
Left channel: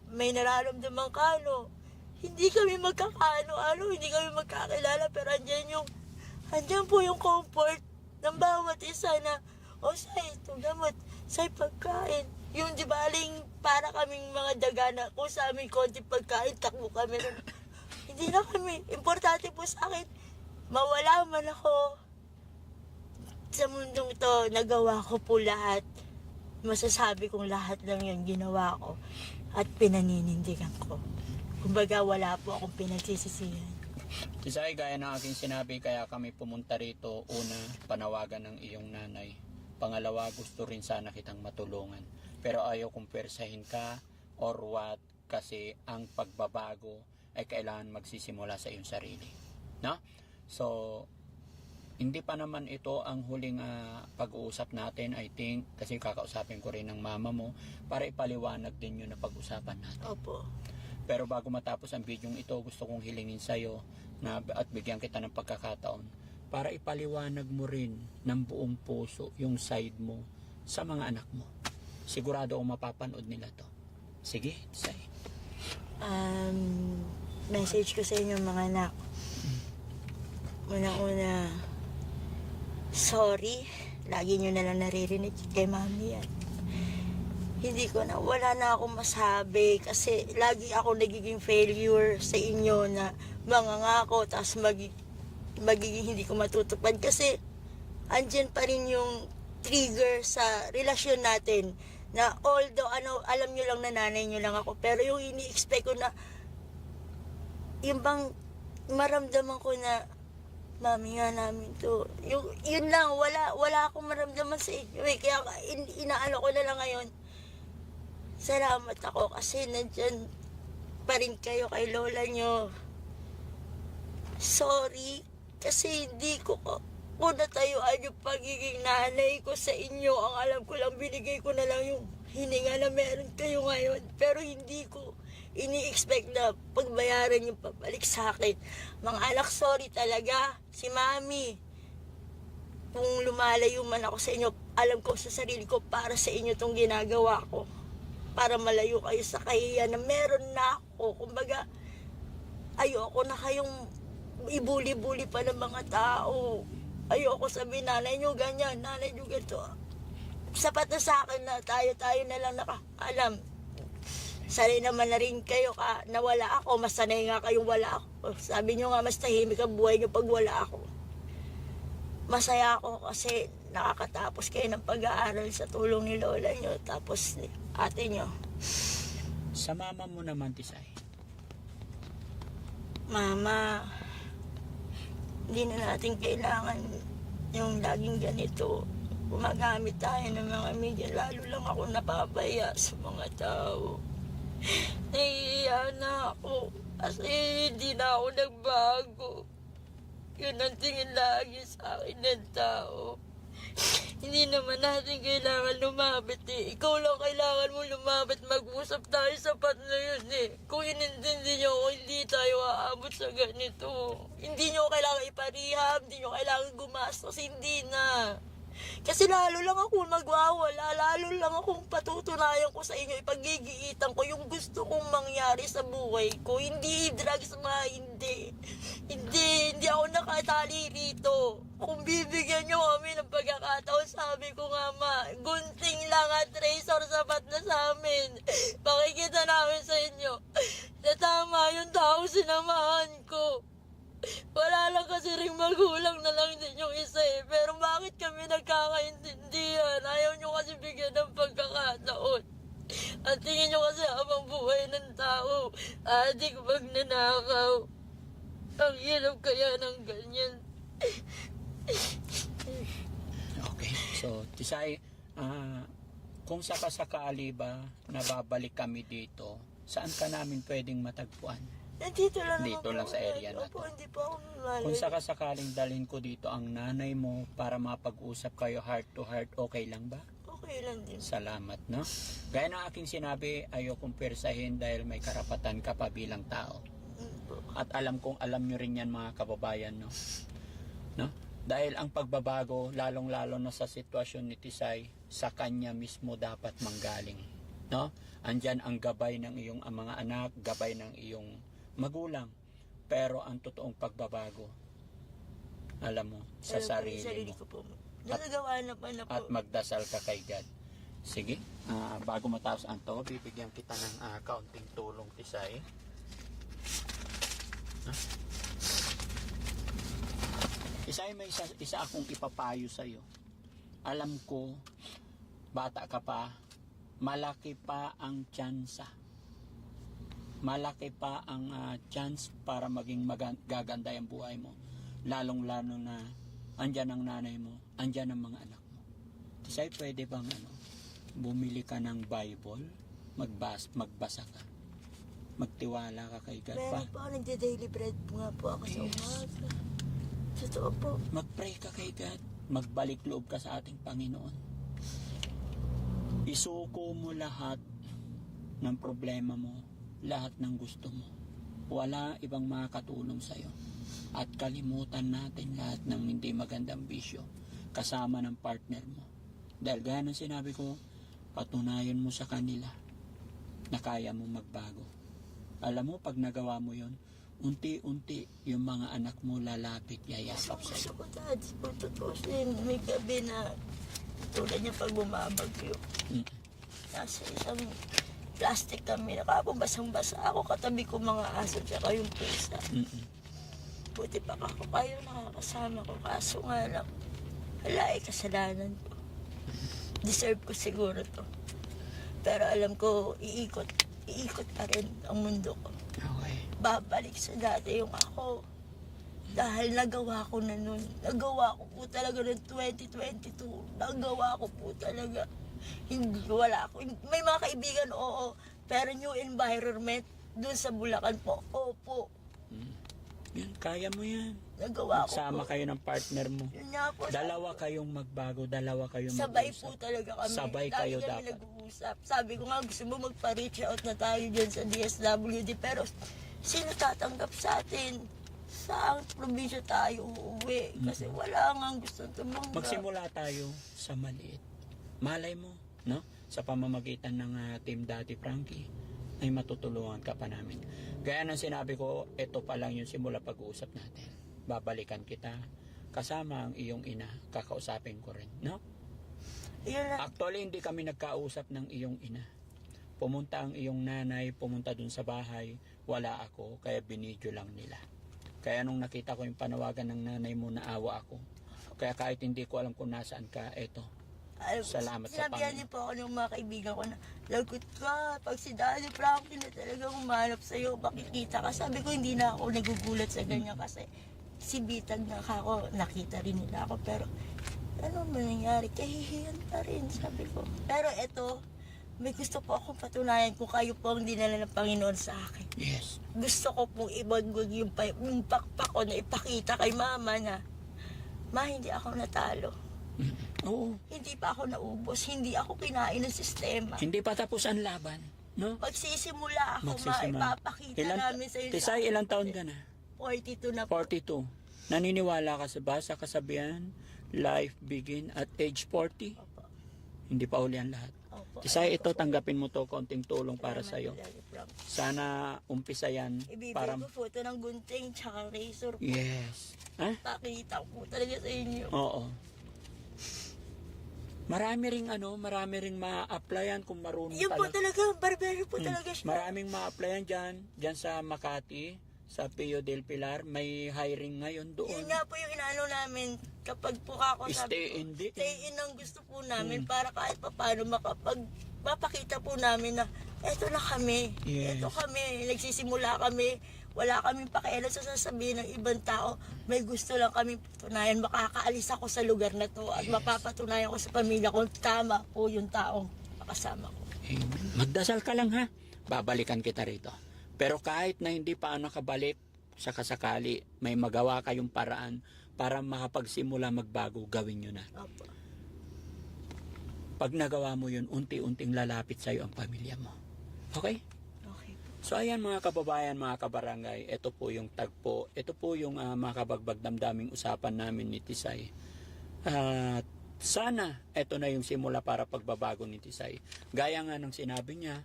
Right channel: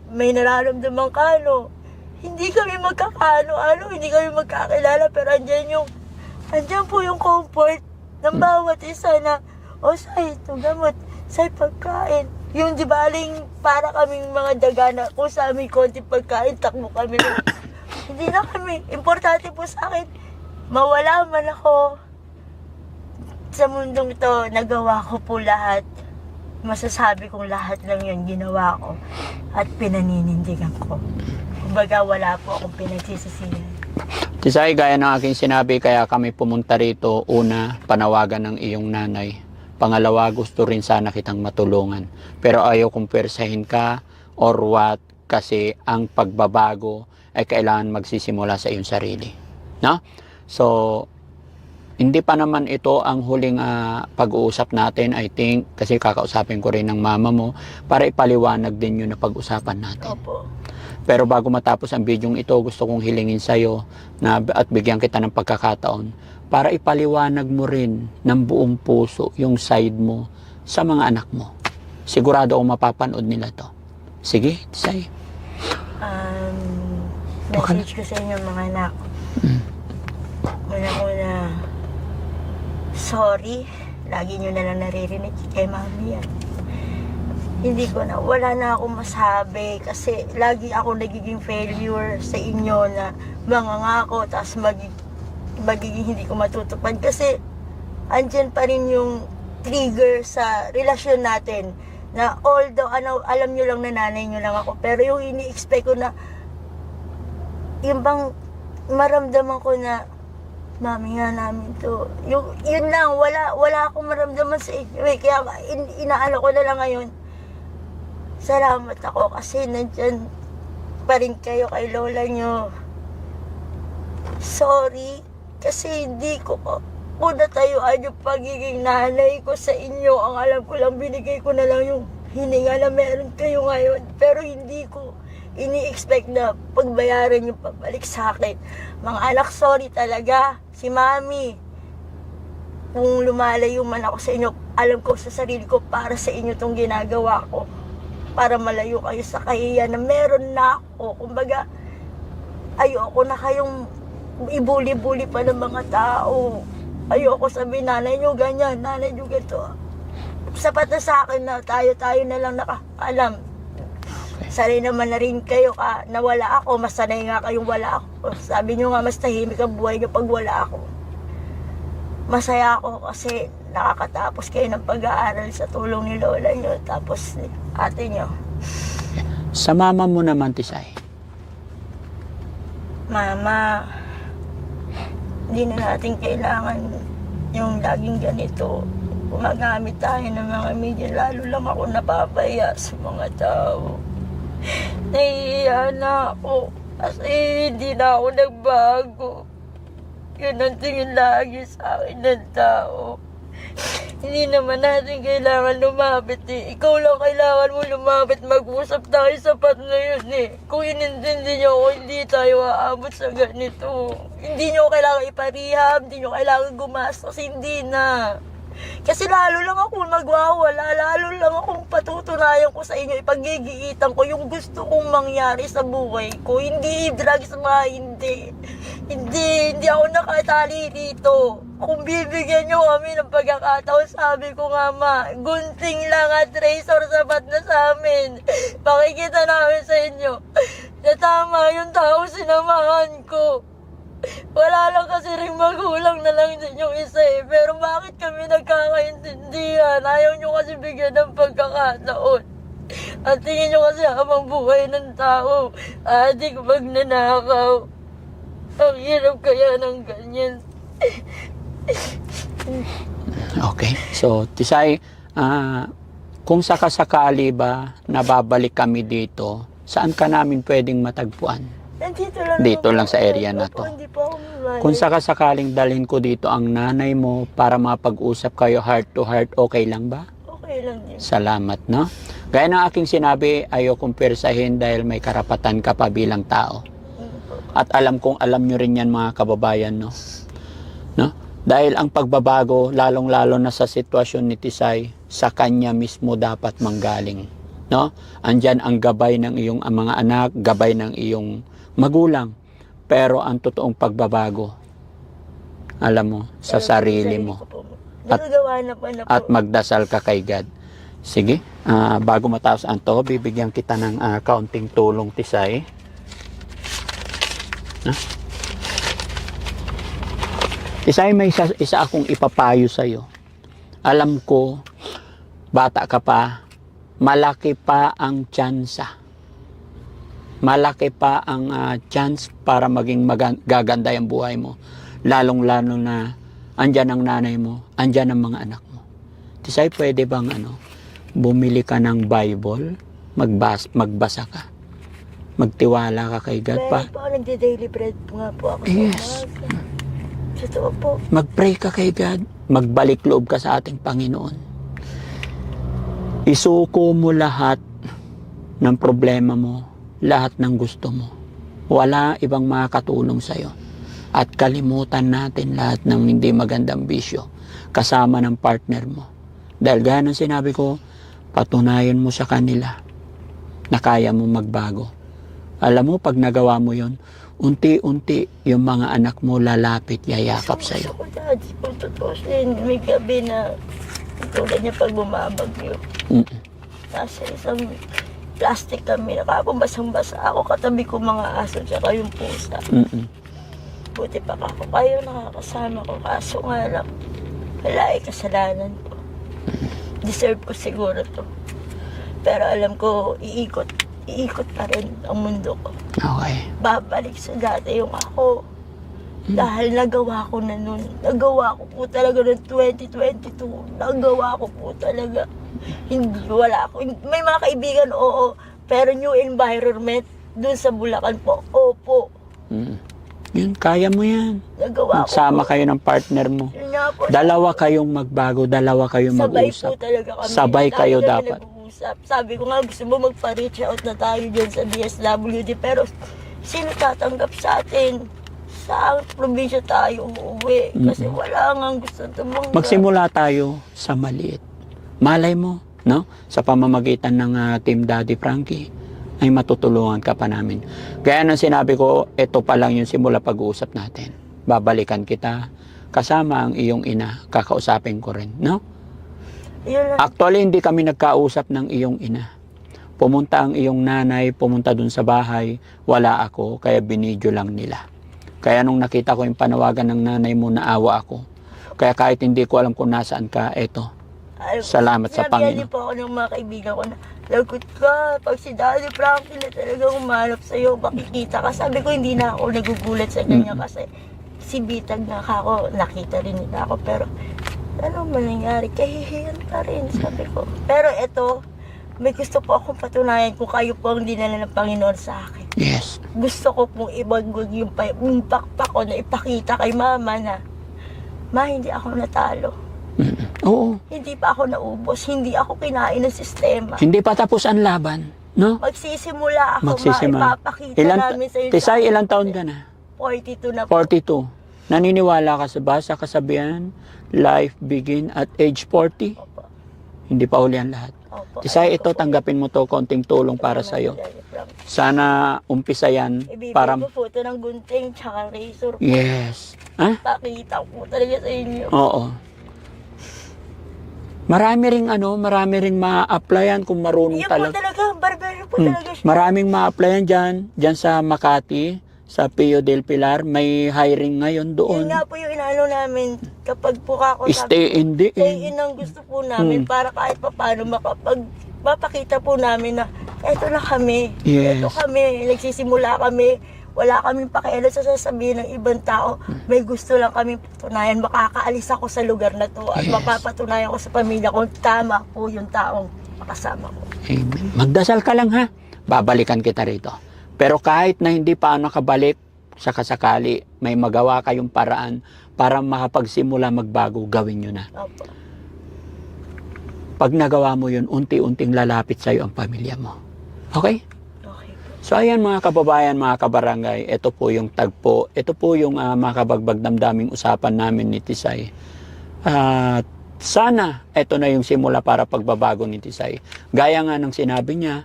may nararamdaman ka, no? Hindi kami magkakaano-ano, hindi kami magkakilala, pero andyan po yung comfort ng bawat isa na, Say, ito gamot, Say, pagkain. Yung di baling para kaming mga daga na kung sa amin konti pagkain, takbo kami. Hindi na kami. Importante po sa akin, mawala man ako sa mundong ito, nagawa ko po lahat. Masasabi kong lahat lang yung ginawa ko at pinaninindigan ko. Kumbaga wala po akong pinagsisisihan. Tisay, gaya ng aking sinabi, kaya kami pumunta rito. Una, panawagan ng iyong nanay. Pangalawa, gusto rin sana kitang matulungan. Pero ayaw kong persahin ka or what, kasi ang pagbabago ay kailangan magsisimula sa iyong sarili. No? So, hindi pa naman ito ang huling pag-uusap natin, I think, kasi kakausapin ko rin ng mama mo para ipaliwanag din yun na pag-usapan natin. Opo. Pero bago matapos ang video ito, gusto kong hilingin sa'yo at bigyan kita ng pagkakataon para ipaliwanag mo rin ng buong puso yung side mo sa mga anak mo. Sigurado akong mapapanood nila to. Sige, say. Message ko sa inyo mga anak. Una-una, sorry. Lagi nyo na lang naririnig kay mami yan. Hindi ko na, wala na akong masabi kasi lagi ako nagiging failure sa inyo na mangangako tapos magiging hindi ko matutupad kasi andyan pa rin yung trigger sa relasyon natin na although alam nyo lang na nanay nyo lang ako pero yung ini-expect ko na yung bang maramdaman ko na mami nga namin to yun lang, wala akong maramdaman sa inyo kaya inaano ko na lang ngayon. Salamat ako kasi nandyan pa rin kayo kay lola nyo. Sorry kasi hindi ko natayuan yung pagiging nanay ko sa inyo. Ang alam ko lang, binigay ko na lang yung hininga na meron kayo ngayon. Pero hindi ko ini-expect na pagbayaran yung pabalik sa akin. Mga anak, sorry talaga. Si mami, kung lumalayo man ako sa inyo, alam ko sa sarili ko para sa inyo itong ginagawa ko. Para malayo kayo sa kahiyan na meron na ako. Kumbaga, ayoko na kayong ibuli-buli pa ng mga tao. Ayoko sabihin, nanay nyo ganyan, nanay nyo ganito. Sapat na sa akin na tayo na lang nakaalam. Sanay naman na rin kayo na wala ako. Mas sanay nga kayong wala ako. Sabi nyo nga, mas tahimik ang buhay nyo pag wala ako. Masaya ako kasi nakakatapos kayo ng pag-aaral sa tulong ni lola nyo. Tapos ni ate nyo. Sa mama mo naman, Tisay. Mama, hindi na natin kailangan yung laging ganito. Gumagamit tayo ng mga media. Lalo lang ako napapaya sa mga tao. Nahihiya na ako kasi hindi na ako nagbago. Yun ang tingin lagi sa akin ng tao. Hindi naman natin kailangan lumapit eh. Ikaw lang kailangan mo lumapit. Mag-usap tayo sapat na yun eh. Kung inintindi niyo ako, hindi tayo aabot sa ganito. Hindi niyo kailangan iparehab, hindi niyo kailangan gumastos, hindi na. Kasi lalo lang akong magwawala, lalo lang akong patutunayan ko sa inyo, ipaggigiitan ko yung gusto kong mangyari sa buhay ko. Hindi drugs, Hindi ako nakatali dito. Kung bibigyan nyo kami ng pagkakataon, sabi ko nga gunting lang at razor sapat na sa amin. Pakikita namin sa inyo na tama yung tao sinamahan ko. Wala lang kasi rin magulang na lang din yung isa eh. Pero bakit kami nagkakaintindihan? Ayaw nyo kasi bigyan ng pagkakataon. At tingin nyo kasi habang buhay ng tao, adik magnanakaw. Ang hirap kaya ng ganyan. Okay. So, Tisay, kung sakasakali ba nababalik kami dito, saan ka namin pwedeng matagpuan? Dito lang sa area na to. Hindi po ako mamalik. Kung sakasakaling dalhin ko dito ang nanay mo para mapag-usap kayo heart to heart, okay lang ba? Okay lang din. Salamat, no? Gaya ng aking sinabi, ayaw kong persahin dahil may karapatan ka pa bilang tao. At alam kong alam nyo rin yan mga kababayan, no? Dahil ang pagbabago, lalong-lalo na sa sitwasyon ni Tisay, sa kanya mismo dapat manggaling, no? Andyan ang gabay ng iyong mga anak, gabay ng iyong magulang. Pero ang totoong pagbabago, alam mo, sa sarili mo. At magdasal ka kay God. Sige, bago matapos ang to, bibigyan kita ng kaunting tulong, Tisay. Tisay, may isa akong ipapayo sa'yo. Alam ko, bata ka pa, malaki pa ang tsansa malaki pa ang chance para maging gaganda yung buhay mo. Lalong-lalo na andyan ang nanay mo, andyan ang mga anak mo. Tisay, pwede bang bumili ka ng Bible, magbasa ka, magtiwala ka kay God pa. Meron po ako nagde-daily bread po nga po ako Yes. sa umaga. Totoo po. Mag-pray ka kay God, magbalik loob ka sa ating Panginoon. Isuko mo lahat ng problema mo, lahat ng gusto mo. Wala ibang makakatulong sa'yo. At kalimutan natin lahat ng hindi magandang bisyo kasama ng partner mo. Dahil gaya ng sinabi ko, patunayan mo sa kanila na kaya mo magbago. Alam mo, pag nagawa mo yon, unti-unti yung mga anak mo lalapit, yayakap sa'yo. Gusto ko, Dad, kung totoo sin, may gabi na tulad niya pag bumabagyo. Nasa isang plastic kami, nakapabasang-basa ako, katabi ko mga aso, tsaka yung pusa. Buti pa ako kayo nakakasama ko, kaso nga lang, wala kasalanan ko. Deserve ko siguro to. Pero alam ko, iikot pa rin ang mundo ko. Okay. Babalik sa dati yung ako. Dahil nagawa ko na nun. Nagawa ko po talaga noong 2022. Nagawa ko po talaga. Hindi, wala ako. May mga kaibigan, oo. Pero new environment, dun sa Bulacan po, opo. Yun, kaya mo yan. Nagawa ko Magsama po. kayo ng partner mo. Yun nga po. Dalawa kayong magbago, dalawa kayong Sabay mag-usap. po talaga kami. Sabay Lagi kayo kami dapat. nag-uusap. Sabi ko nga, gusto mo magpa-reach out na tayo dyan sa DSWD. Pero sino tatanggap sa atin? Sa probinsya tayo uuwi. Kasi wala nga gusto tumanggap. Magsimula tayo sa maliit. Malay mo, no? Sa pamamagitan ng Team Daddy Frankie, ay matutulungan ka pa namin. Kaya nang sinabi ko, ito pa lang yung simula pag-uusap natin. Babalikan kita, kasama ang iyong ina, kakausapin ko rin, no? Yun lang. Actually, hindi kami nagkausap ng iyong ina. Pumunta ang iyong nanay, pumunta dun sa bahay, wala ako, kaya binidyo lang nila. Kaya nung nakita ko yung panawagan ng nanay mo, naawa ako. Kaya kahit hindi ko alam kung nasaan ka, eto. Salamat sa Sinabihan Panginoon. din po ako ng mga kaibigan ko na, lagot ka, pag si Daddy Frankie na talagang umanap sa'yo, makikita ka. Sabi ko, hindi na ako nagugulat sa ganyan kasi si Bitag na ako, nakita rin nila ako. Pero, ano man nangyari, kahihiyan pa rin, sabi ko. Pero eto, may gusto po akong patunayan kung kayo po ang dinala ng Panginoon sa akin. Yes. Gusto ko pong ibagwag yung pakpak ko na ipakita kay Mama na, Ma, hindi ako natalo. Oo. Hindi pa ako naubos. Hindi ako kinain ng sistema. Hindi pa tapos ang laban, no? Magsisimula ako, Magsisimula. ipapakita namin sa'yo. Tisay, ilang taon ka na? 42 na po. 42. Naniniwala ka sa kasabihan, life begin at age 40? Opo. Hindi pa huli ang lahat. Opo. Tisay, ito, tanggapin mo to, konting tulong para sa'yo. Sana umpisa yan Ibibigay para... ko photo ng gunting tsaka razor. Yes. Ha? Pakita ko talaga sa inyo. Oo. Marami ring ma-applyan kung marunong Yan po talaga. talaga, barbero po talaga siya. Maraming ma-applyan dyan sa Makati, sa Pio del Pilar, may hiring ngayon Yun doon. nga po yung inaano namin kapag po ako Stay in the stay in ang gusto po namin para kahit paano mapakita po namin na eto na kami. Yes. Eto kami, nagsisimula kami. Wala kaming pakialam sa sasabihin ng ibang tao. May gusto lang kami patunayan. Makakaalis ako sa lugar na to at Yes. mapapatunayan ko sa pamilya ko tama po yung taong makasama ko. Amen. Magdasal ka lang ha. Babalikan kita rito. Pero kahit na hindi pa nakabalik, sa kasakali, may magawa kayong paraan para makapagsimula magbago, gawin nyo na. Opo. Pag nagawa mo yun, unti-unting lalapit sa'yo ang pamilya mo. Okay? Okay po. So ayan mga kababayan, mga kabarangay, ito po yung tagpo, ito po yung makabagbag damdaming usapan namin ni Tisay. At sana ito na yung simula para pagbabago ni Tisay. Gaya nga ng sinabi niya,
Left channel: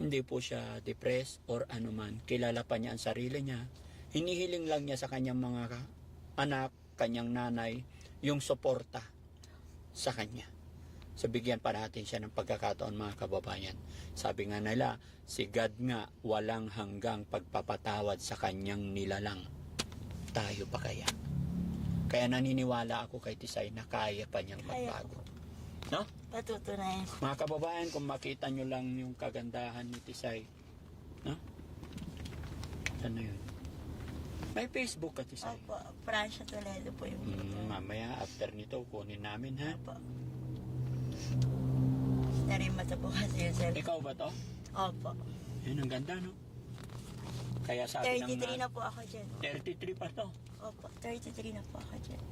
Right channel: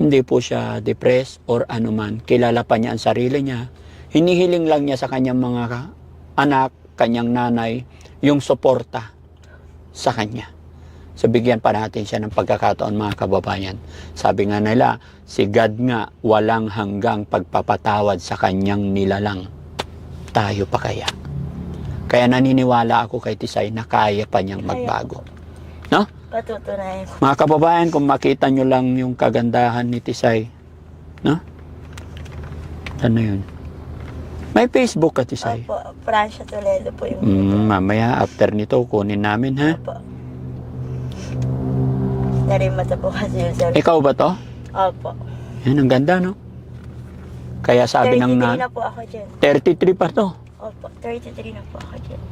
hindi po siya depressed or anuman. Kilala pa niya ang sarili niya. Hinihiling lang niya sa kanyang mga anak, kanyang nanay, yung suporta sa kanya. So bigyan pa natin siya ng pagkakataon mga kababayan. Sabi nga nila, si God nga walang hanggang pagpapatawad sa kanyang nilalang. Tayo pa kaya? Kaya naniniwala ako kay Tisay na kaya pa niyang magbago. No? Patutunayan ko. Mga kababayan, kung makita nyo lang yung kagandahan ni Tisay, No? Ano yun? May Facebook ka, Tisay? Opo, Francia Toledo po yung Mamaya, after nito, kunin namin, ha? Opo. Narimata po kasi yun, sir. Ikaw ba to? Opo. Yan, ang ganda, no? Kaya sabi ng 33 na po ako dyan. 33 pa to. Opo, 33 na po ako dyan.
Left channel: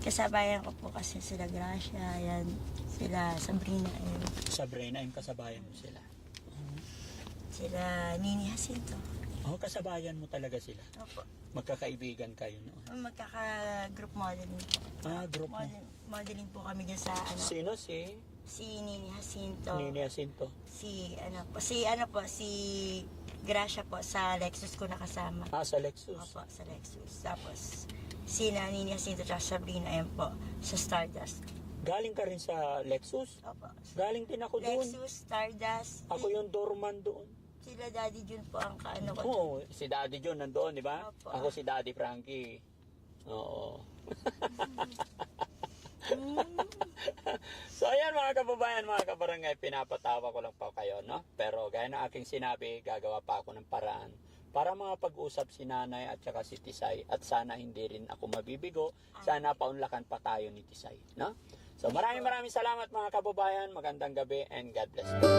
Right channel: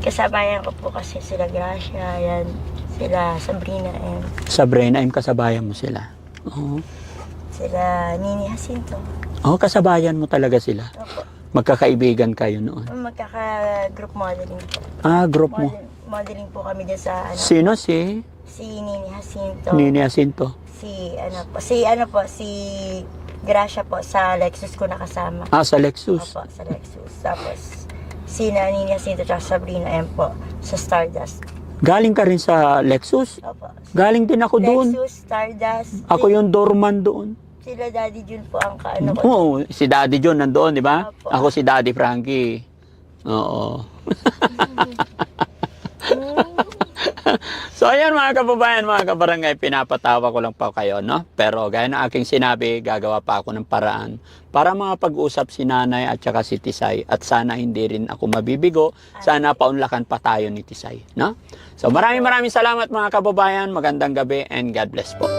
Kasabayan ko po kasi sila Gracia, yan. Sila Sabrina and Sabrina, kasabayan mo sila. Oo. sila Nini Jacinto. Oh, kasabayan mo talaga sila. Opo. Magkakaibigan kayo noon. Magkaka-group modeling po. Ah, group mo. Modeling po kami dyan sa ano, Sino si si Nini Jacinto. Nini Jacinto? Si Gracia po sa Lexus ko nakasama. Ah, sa Lexus. Opo, sa Lexus. Tapos si Nini Jacinto at Sabrina M po sa Stardust. Galing ka rin sa Lexus? Opo. Galing din ako doon. Lexus, Stardust. Ako yung doorman doon. Sila Daddy Jun po ang kaano ko. Oo, si Daddy John nandoon, di ba? Opo. Ako si Daddy Frankie. Oo. So ayan mga kababayan, mga kabarangay, pinapatawa ko lang pa kayo, no? Pero gaya ng aking sinabi, gagawa pa ako ng paraan para makapag-usap si Nanay at saka si Tisay. At sana hindi rin ako mabibigo, sana paunlakan pa tayo ni Tisay, no? So maraming salamat mga kababayan, magandang gabi and God bless po.